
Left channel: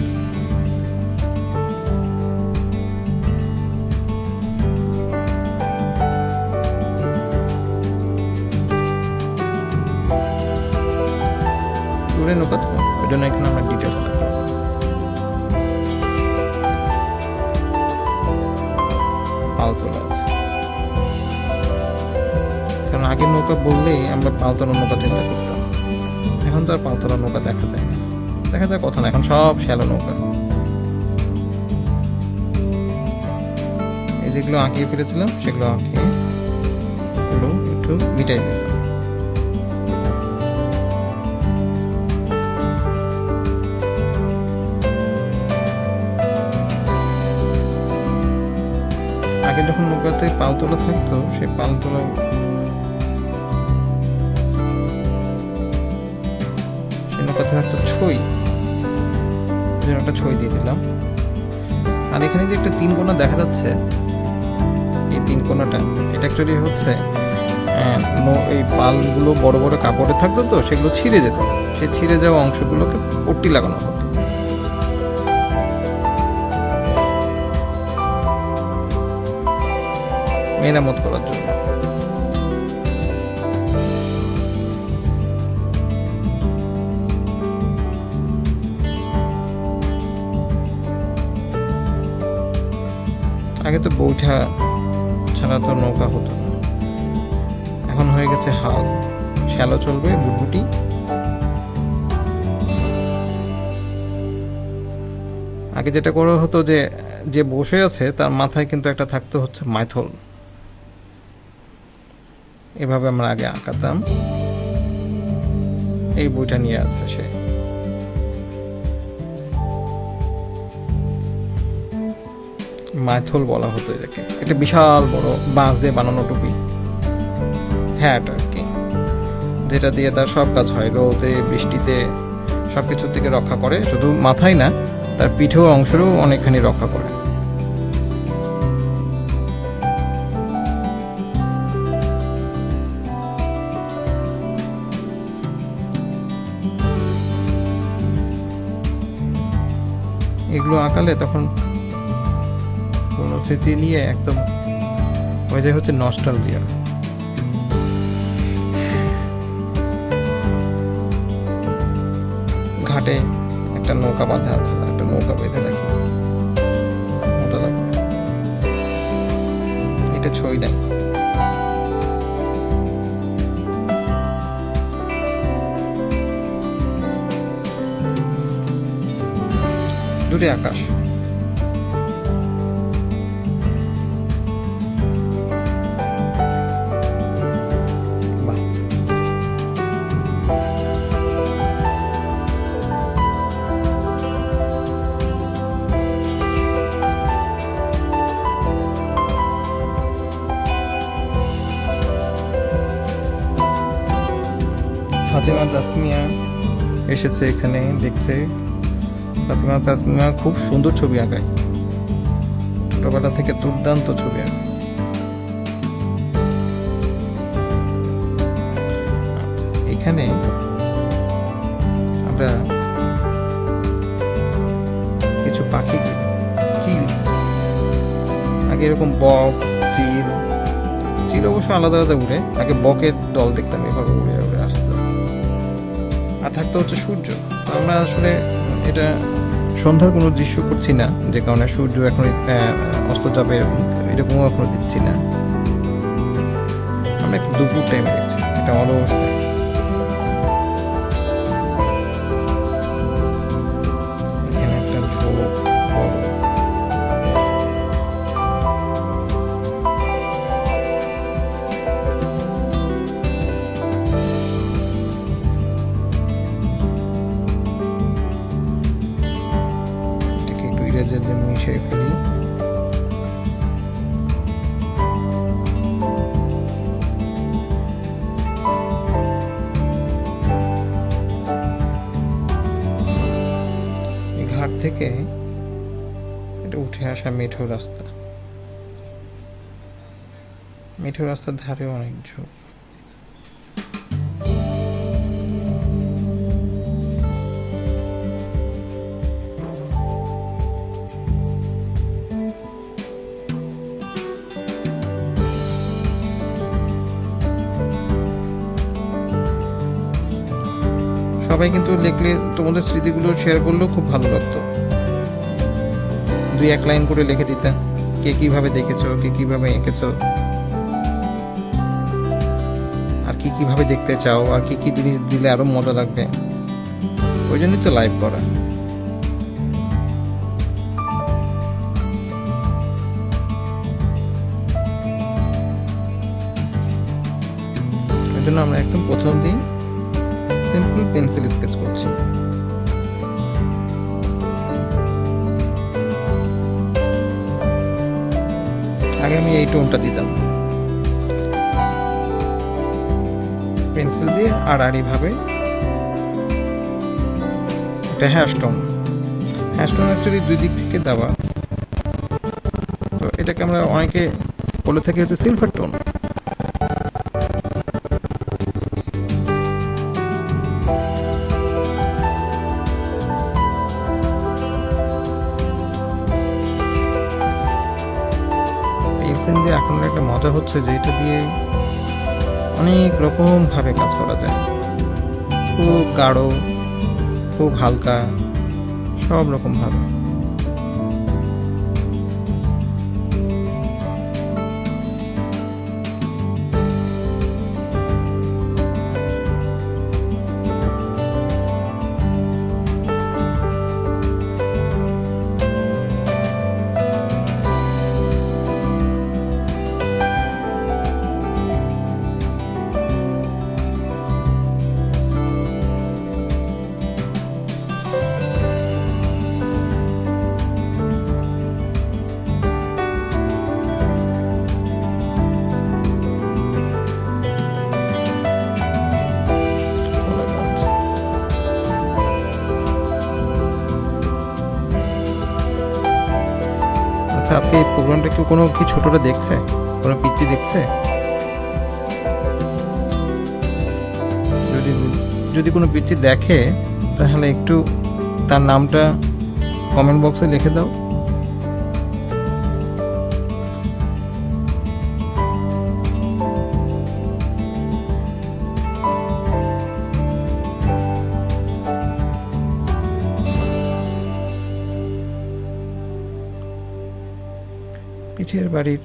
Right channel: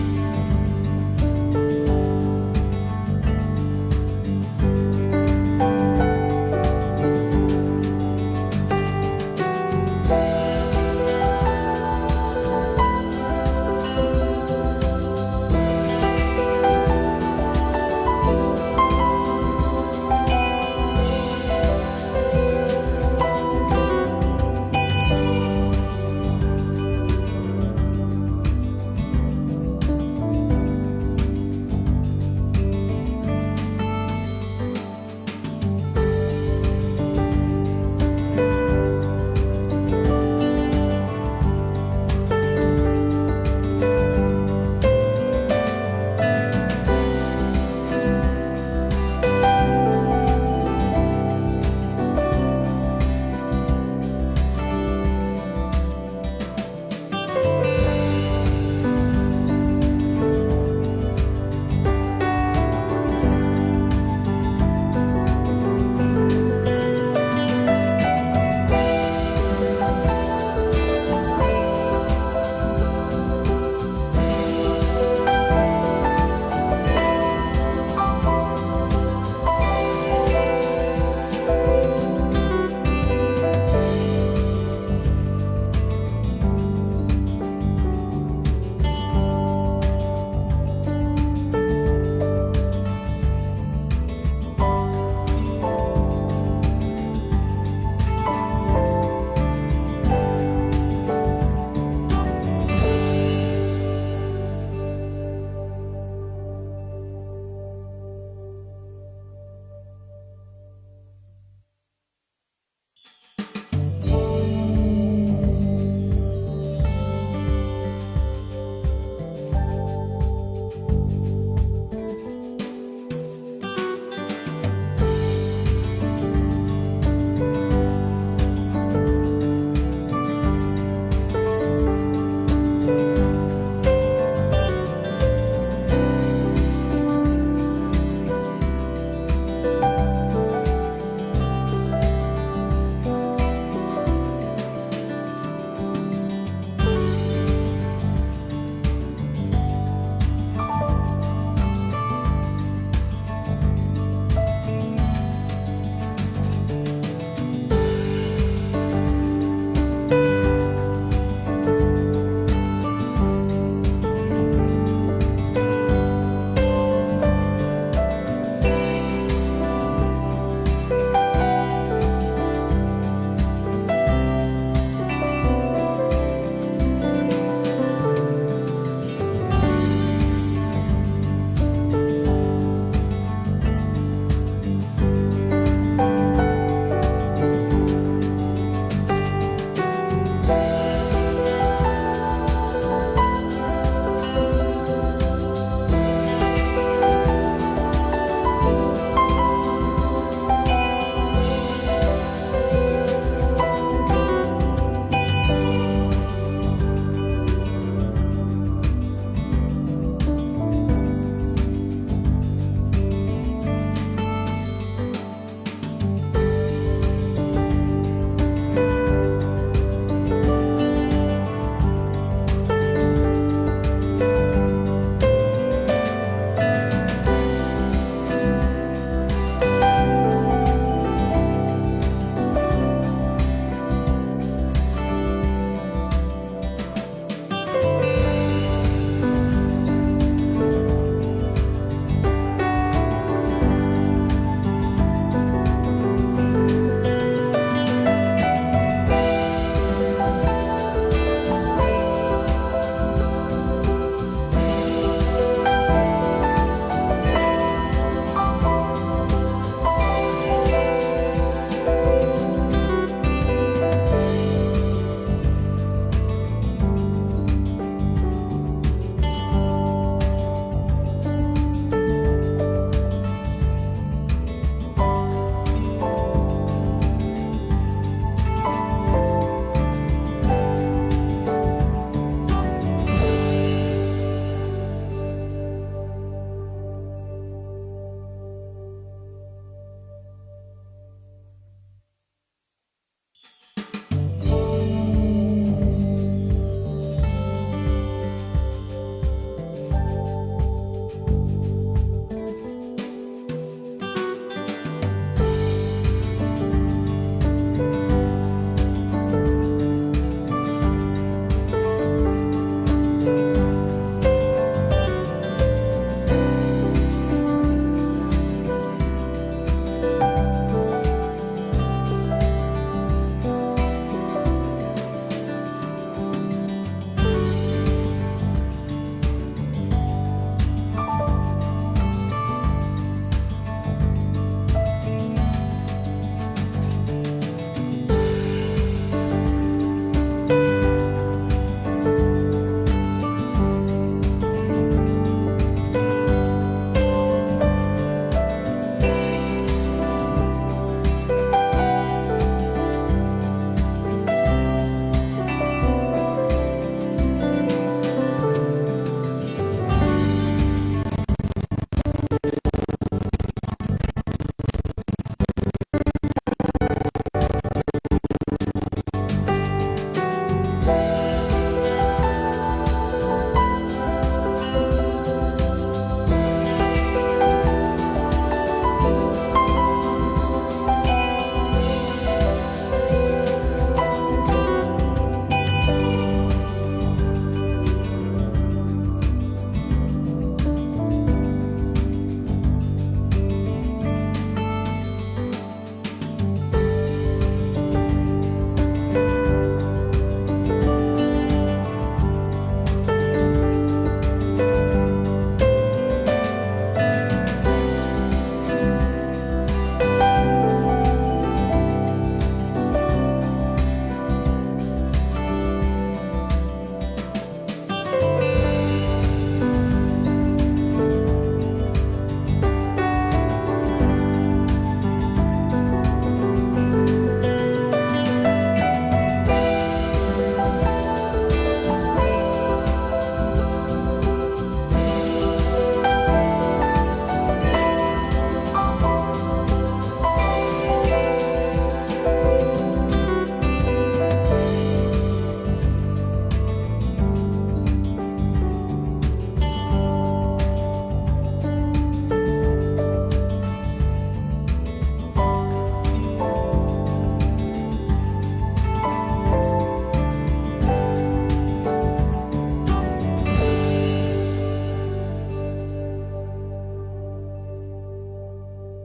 নৌকা তো ওই জন্য এখানে আমার ডিটেলস লাগে। কারণ আগে নৌকা বললেই আমরা পালতোলা নৌকা চিন্তা করতাম, এখন তো আর পালতোলা নৌকা দেখা যায় না, দেখা যায় কথা না, এখন সব শ্যালো নৌকা। এই যেগুলো আঁকিয়ে ফেলেছিলাম সেগুলো আঁকিয়ে একটু মিটাই দিই। পালতোলা থাকতো, সেই পালতোলা থাকতো ছই, একটা ছই দিয়ে দিলাম। আর এখানে যে একটা তিন কোণা দেখা যাচ্ছে, এই তিন কোণাটা এটা অ্যাকচুয়ালি হচ্ছে এই পালগুলো বড় বড় কাপড়ে থাকতো, তো সেগুলো ছিঁড়ে যেত, সেই ছিঁড়ে যাওয়া অংশগুলোকে পট্টি লাগানো হতো। মেরামত করার জন্য। আগে তো বৈঠা ছাড়া তো নৌকা হতো না, এখন হয়ে গেছে হাল, শ্যালো চলবে, বুটবুটি। আগে যেটা করা হতো যে যে বসে আছে তার মাথায় কিন্তু একটা থাকতো হচ্ছে মাইথল, এভাবে আমরা আগে আঁকাতাম। এই বইটা নিয়ে আছে সে, মাইথল বলা হতো এটাকে। এটা বিশাল বড় বাঁশ দিয়ে বানানো টুপি, হ্যাট আর কি, যেটা দিয়ে তার সব কাজ হয়, রোদে বৃষ্টিতে সবকিছুর থেকে রক্ষা করে, শুধু মাথায় না, তার পিঠেও অংশেরও অনেকখানি রক্ষা করে। এগুলো আঁকালে তখন কোনো স্মৃতি নিয়ে একদম হয়ে যায় হচ্ছে নস্টালজিয়া। ঘাটে একটা নৌকা বাঁধা আছে, একটা নৌকা বেঁধে রাখি, মজা লাগবে। এটা ছই নাই, শুধুই আকাশ। ফাতেমা তাসমিয়া এসেছে এখানে, দেখছে। ফাতেমা তাসমিয়া খুব সুন্দর ছবি আঁকায়, ছোটবেলা থেকে দুর্দান্ত ছবি আঁকায়। এখানে আমরা কিছু পাখি, চিল, আগে এরকম বক, চিল, চিল অবশ্য আলাদা আলাদা উড়ে, আগে বকের দল দেখতাম এভাবে উড়ে উড়ে আসতো। আর থাকতো হচ্ছে সূর্য। আমরা আসলে এটা সন্ধ্যার কোনো দৃশ্য করছি না, যে কারণে সূর্য এখন অস্ত যাবে এরকমও এখনো দেখছি না। আমরা একটু দুপুর টাইমে দেখছি, এটা অলস। থেকে এটা উঠে আসা মেঠো রাস্তা, মেঠো রাস্তার ধারে অনেক ঝোপ। সবাই কিন্তু দেখলে তোমাদের স্মৃতিগুলো শেয়ার করলেও খুব ভালো লাগতো, দুই এক লাইন করে লিখে দিতেন কে কিভাবে দেখেছো, কে কিভাবে এঁকেছো, আর কি কিভাবে দেখতে চাও, আর কি কি জিনিস দিলে আরো মজা লাগবে। ওই জন্যই তো লাইভ করা। ওই জন্য আমরা একদম প্রথম দিন সিম্পল পেন্সিল স্কেচ করছি। এই টোনটা দিতাম পেন্সিল দিয়ে আড়াআড়ি ভাবে, এটা হ্যাশটোন। হ্যাশটোন অ্যাকচুয়ালি দুই দিক থেকে দেওয়া, তো এটাকে আমরা অনেকে বলে থাকি হচ্ছে সিলভার টোন। এখন একটা মজা হচ্ছে যে এটা দিয়ে অনেক রকম ভাবে কাজ করা যায়, খুব গাঢ়, খুব হালকা, সব রকম ভাবে। আজকে এই প্রোগ্রামটা কি কোনো কি ছোটরা দেখছে, কোনো পিচ্চি দেখছে? যদি কোনো পিচ্চি দেখে তাহলে একটু তার নামটা কমেন্ট বক্সে লিখে দাও। পিছের বাড়ির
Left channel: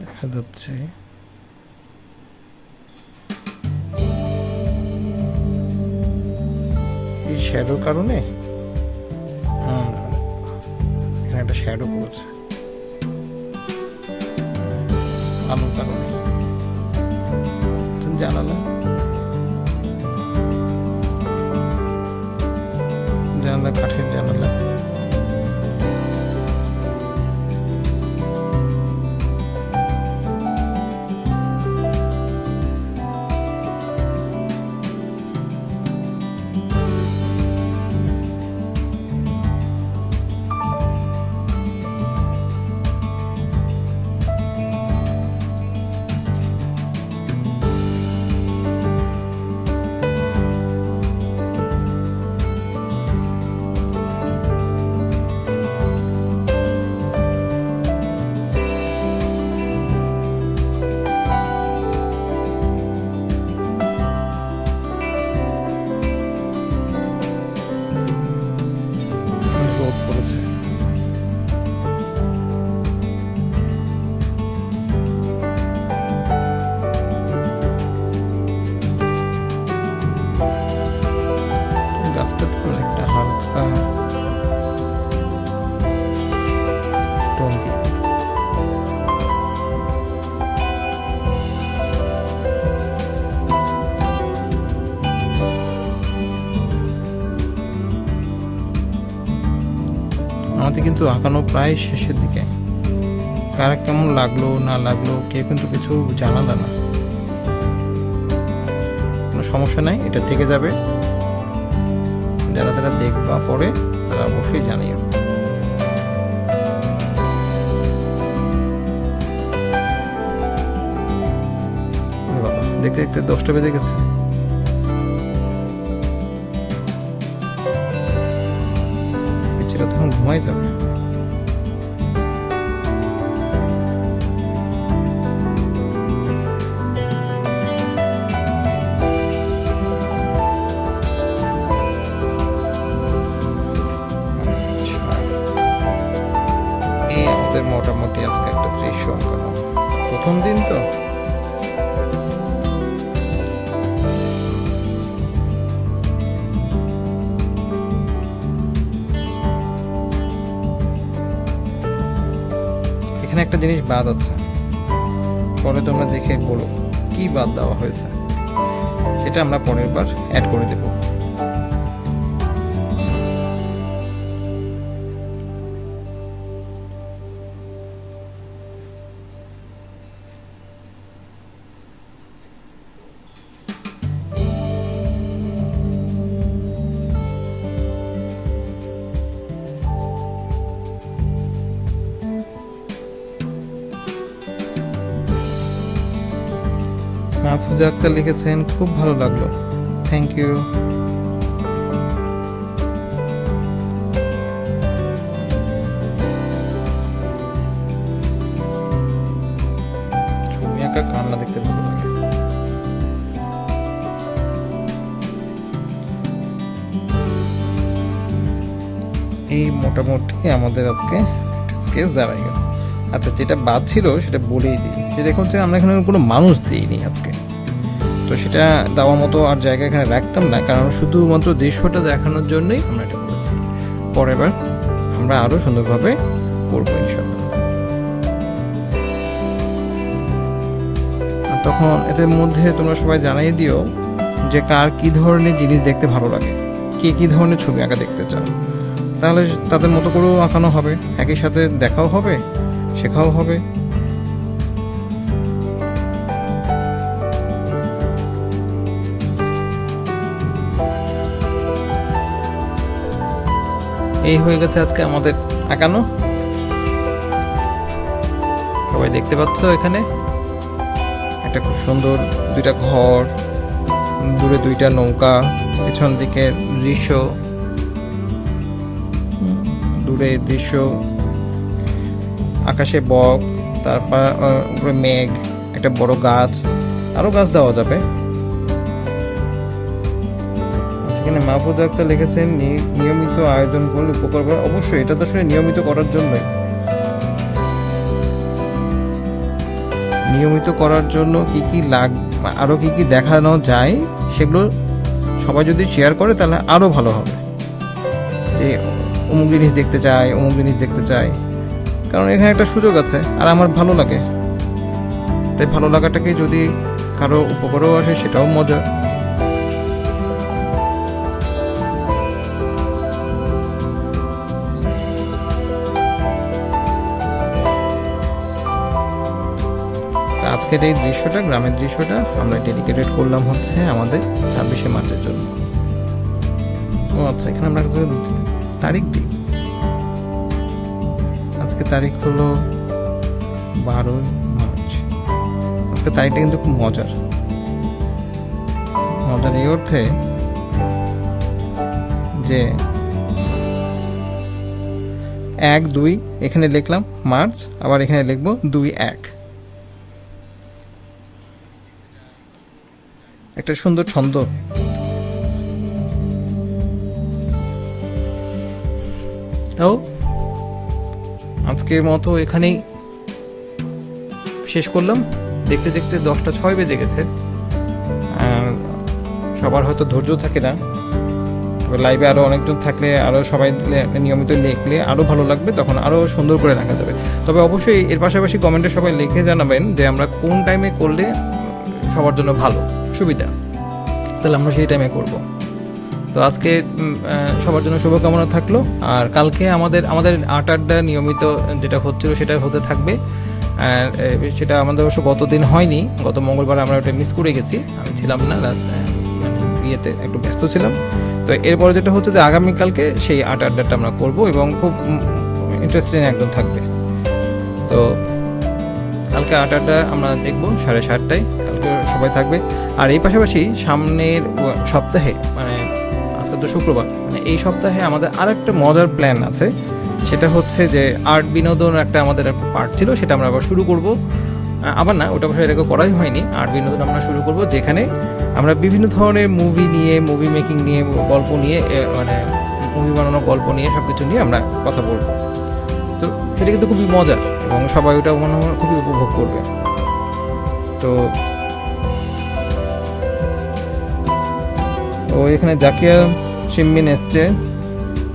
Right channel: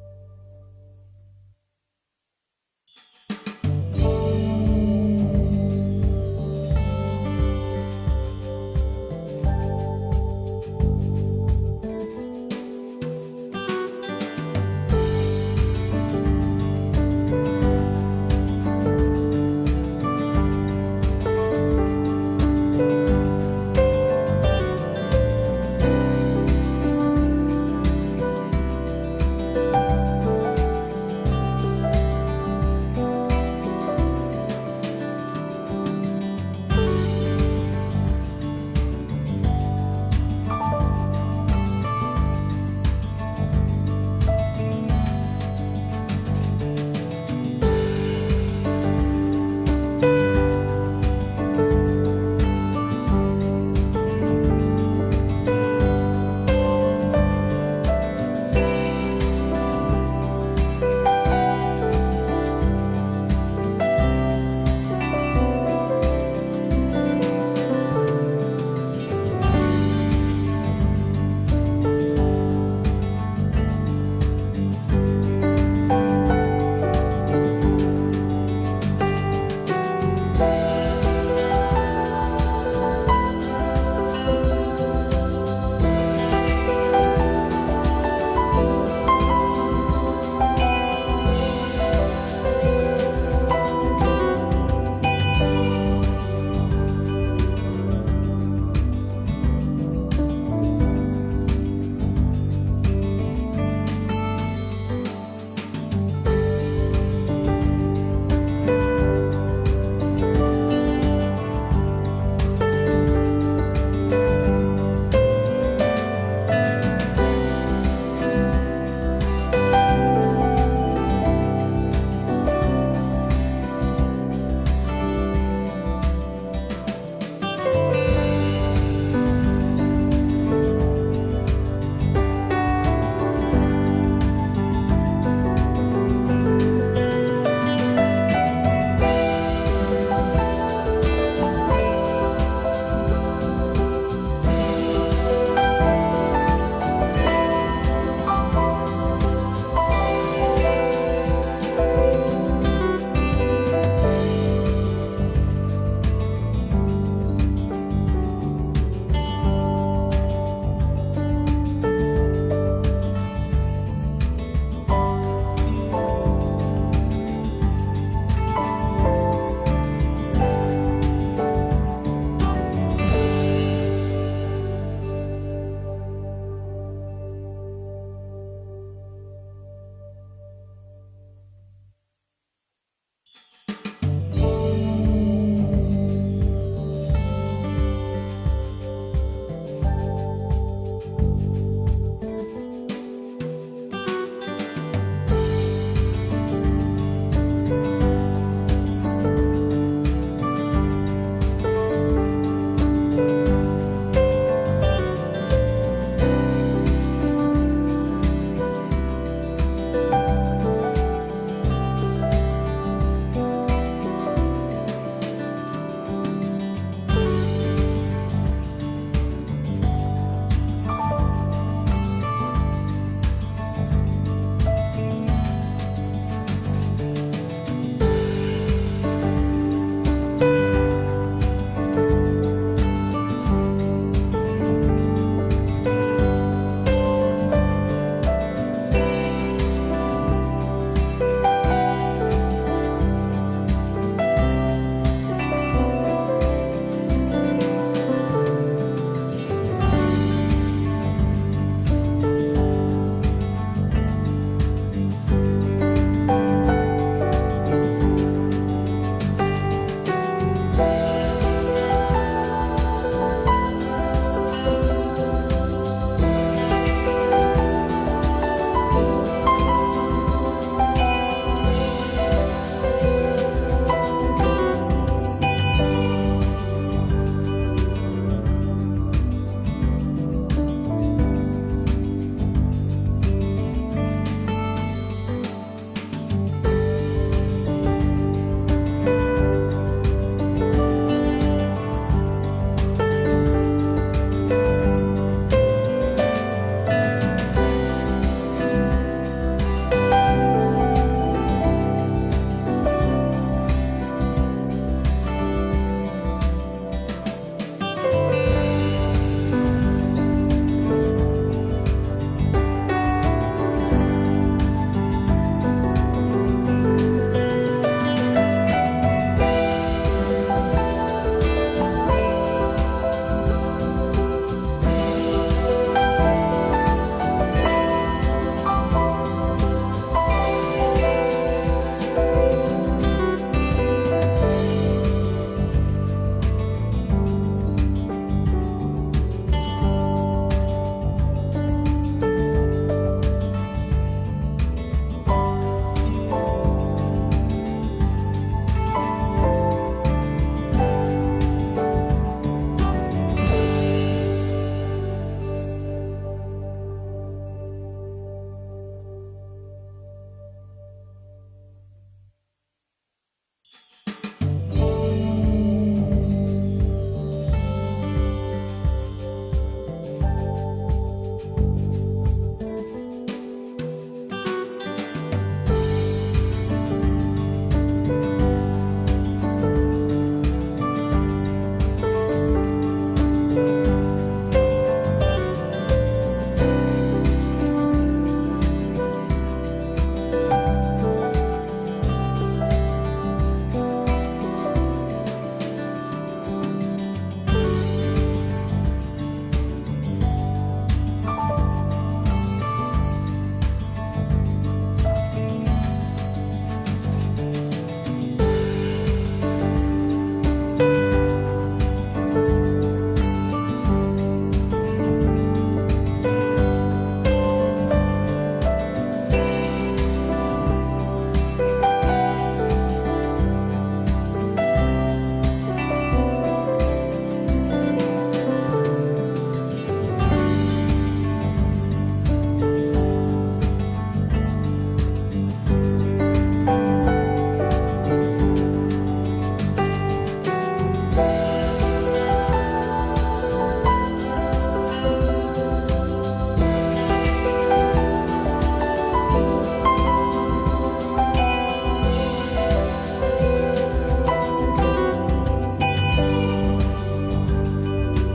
দেখা যাচ্ছে শ্যাডোর কারণে একটা শ্যাডো পড়েছে আলোর কারণে। তুমি জানালা জানালা কাঠের জানালা। আমাদের কিন্তু আঁকানো প্রায় শেষের দিকে। কার কেমন লাগলো না লাগলো কেউ কিন্তু কিছু জানালো না, কোনো সমস্যা নাই, এটা থেকে যাবে। যারা যারা দেখবা পরে তারা অবশ্যই জানিও। দেখতে দেখতে 10টা বেজে গেছে। তখন ঘুমাই যাবে। মোটামুটি আজকে একটা দৃশ্য, প্রথম দিন তো এখানে একটা জিনিস বাদ আছে, পরে তোমরা দেখে বলো কি বাদ দেওয়া হয়েছে, সেটা আমরা পরের বার অ্যাড করে দেব। মাহফুজা আক্তার লিখেছেন খুব ভালো লাগলো, থ্যাংক ইউ। ছবি আঁকা কান্না দেখতে ভালো লাগে। এই মোটামুটি আমাদের আজকে স্কেচ দাঁড়ায় গেল। আচ্ছা, যেটা বাদ ছিল সেটা বলেই দিই, যে দেখুন যে আমরা এখানে কোনো মানুষ দিইনি আজকে, তো সেটা দেওয়ার মতো আর জায়গা এখানে রাখতাম না, কারণ শুধুমাত্র দৃশ্যটা দেখানোর জন্যই আমরা এটা করেছি। পরের বার আমরা আরও সুন্দরভাবে করবো ইনশাআল্লাহ। তখন এদের মধ্যে তোমরা সবাই জানাই দিও যে কার কী ধরনের জিনিস দেখতে ভালো লাগে, কে কী ধরনের ছবি আঁকা দেখতে চাও, তাহলে তাদের মতো করেও আঁকানো হবে, একই সাথে দেখাও হবে, শেখাও হবে। এই হয়ে গেছে আজকে আমাদের আঁকানো। সবাই দেখতে পাচ্ছ এখানে একটা খুব সুন্দর দুইটা ঘর, দূরে দুইটা নৌকা, পেছন দিকে দৃশ্য, দূরে দৃশ্য, আকাশে বক, তারপর উপরে মেঘ, একটা বড় গাছ, আরো গাছ দেওয়া যাবে। এখানে মাহফুজা আক্তার লিখেছেন নিয়মিত আয়োজন করলে উপকার করা। অবশ্যই এটা তো আসলে নিয়মিত করার জন্য, নিয়মিত করার জন্য কি কি আরো কি কি দেখানো যায় সেগুলো সবাই যদি শেয়ার করে তাহলে আরো ভালো হবে। এই অমুক জিনিস দেখতে চাই, অমুক জিনিস দেখতে চাই, কারণ এখানে একটা সুযোগ আছে আর আমার ভালো লাগে। তাই ভালো লাগাটাকে যদি কারো উপকারও আসে সেটাও মজা। আজকের এই দৃশ্যটা, গ্রামের দৃশ্যটা আমরা ডেডিকেটেড করলাম হচ্ছে আমাদের 26শে মার্চের জন্য। ও আচ্ছা, এখানে আমরা তারিখ দিই। আজকে তারিখ হলো 12 মার্চ। আজকে তারিখটা কিন্তু খুব মজার এই অর্থে যে 1-2 এখানে লিখলাম মার্চ, আবার এখানে লিখবো 2-1, একটা সুন্দর ছন্দ। তাও আজকের মতো এখানেই শেষ করলাম। দেখতে দেখতে 10টা 6 বেজে গেছে। সবার হয়তো ধৈর্য থাকে না, লাইভে আরও অনেকজন থাকলে, আরও সবাই নিয়মিত লিখলে আরও ভালো লাগবে, তখন আরও সুন্দর করে রাখা যাবে। তবে অবশ্যই এর পাশাপাশি কমেন্টে সবাই লিখে জানাবেন যে আমরা কোন টাইমে করলে সবার জন্য ভালো সুবিধা, তাহলে আমরা সেই টাইমে করব। তো আজকে সবার জন্য শুভকামনা থাকলো। আর কালকে আমাদের 8 নিয়মিত যেটা হচ্ছিল সেটা হতে থাকবে। সেটা আমাদের অবশ্য গতদিন হয়নি, গত মঙ্গলবার আমরা ওটা মিস করে গেছি, আমি ছিলাম না, বিয়েতে একটু ব্যস্ত ছিলাম। তো এরপরে যেটা হচ্ছে যে আগামীকালকে সেই 8 আমরা করবো এবং খুব ইন্টারেস্টিং একজন থাকবে। তো কালকে 8 আমরা দেখবো 7:30টায়, কালকে সবাই থাকবে। আর এই পাশাপাশি সামনের সপ্তাহে, মানে আজকে তো শুক্রবার, মানে এই সপ্তাহে আমাদের আর একটা মজার প্ল্যান আছে। সেটা হচ্ছে যে আর্ট বিনোদন একটা আমাদের পার্ট ছিল, সেটা আমরা আবার শুরু করব। আবার না, ওটা অবশ্যই এটাকে করাই হয়নি। আর্ট বিনোদন আমরা শুরু করব, যেখানে আমরা বিভিন্ন ধরনের মুভি নিয়ে, মুভি মেকিং নিয়ে, গল্প নিয়ে, মানে মুভি বানানোর গল্প নিয়ে, সব কিছু নিয়ে আমরা কথা বলবো। তো এটা কিন্তু খুবই মজা এবং সবাই ওটা মনে হয় খুবই উপভোগ করবে। তো এখানে জাকিয়া শিমবিন এসছে,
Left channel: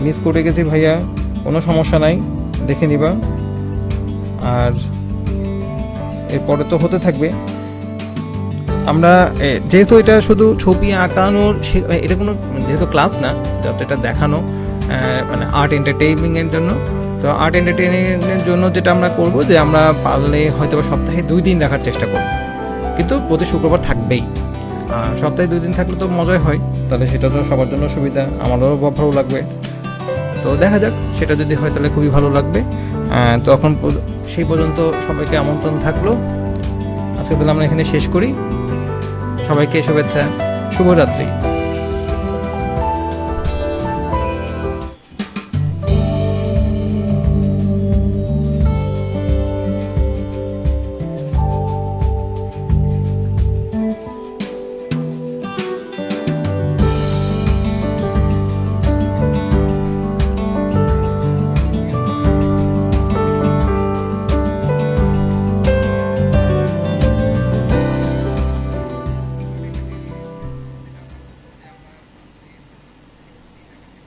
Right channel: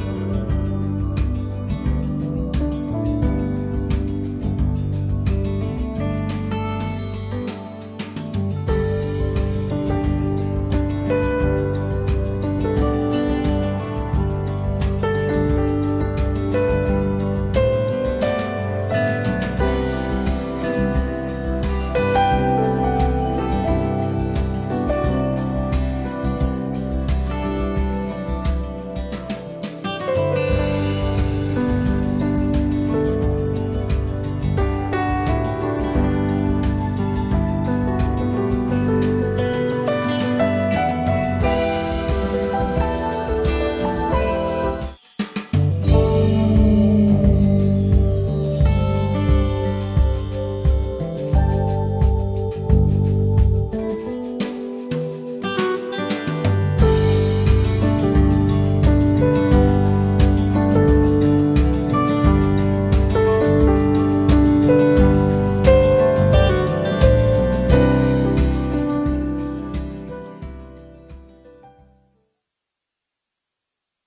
মিস করে গেছি ভাইয়া, কোনো সমস্যা নাই, দেখে নিবা। আর এরপরে তো হতে থাকবে। আমরা যেহেতু এটা শুধু ছবি আঁকানোর, এটা কোনো যেহেতু ক্লাস না, যত এটা দেখানো, মানে আর্ট এন্টারটেইনিংয়ের জন্য। তো আর্ট এন্টারটেইনিংয়ের জন্য যেটা আমরা করবো, যে আমরা পারলে হয়তো সপ্তাহে 2 দিন রাখার চেষ্টা করবো, কিন্তু প্রতি শুক্রবার থাকবেই। সপ্তাহে 2 দিন থাকলে তো মজাই হয়, তাহলে সেটা তো সবার জন্য সুবিধা, আমাদেরও ভালো লাগবে। তো দেখা যাক, সেটা যদি হয় তাহলে খুবই ভালো লাগবে। তো এখন সেই পর্যন্ত সবাইকে আমন্ত্রণ থাকলো। আজকে তাহলে আমরা এখানে শেষ করি। সবাইকে শুভেচ্ছা, শুভরাত্রি।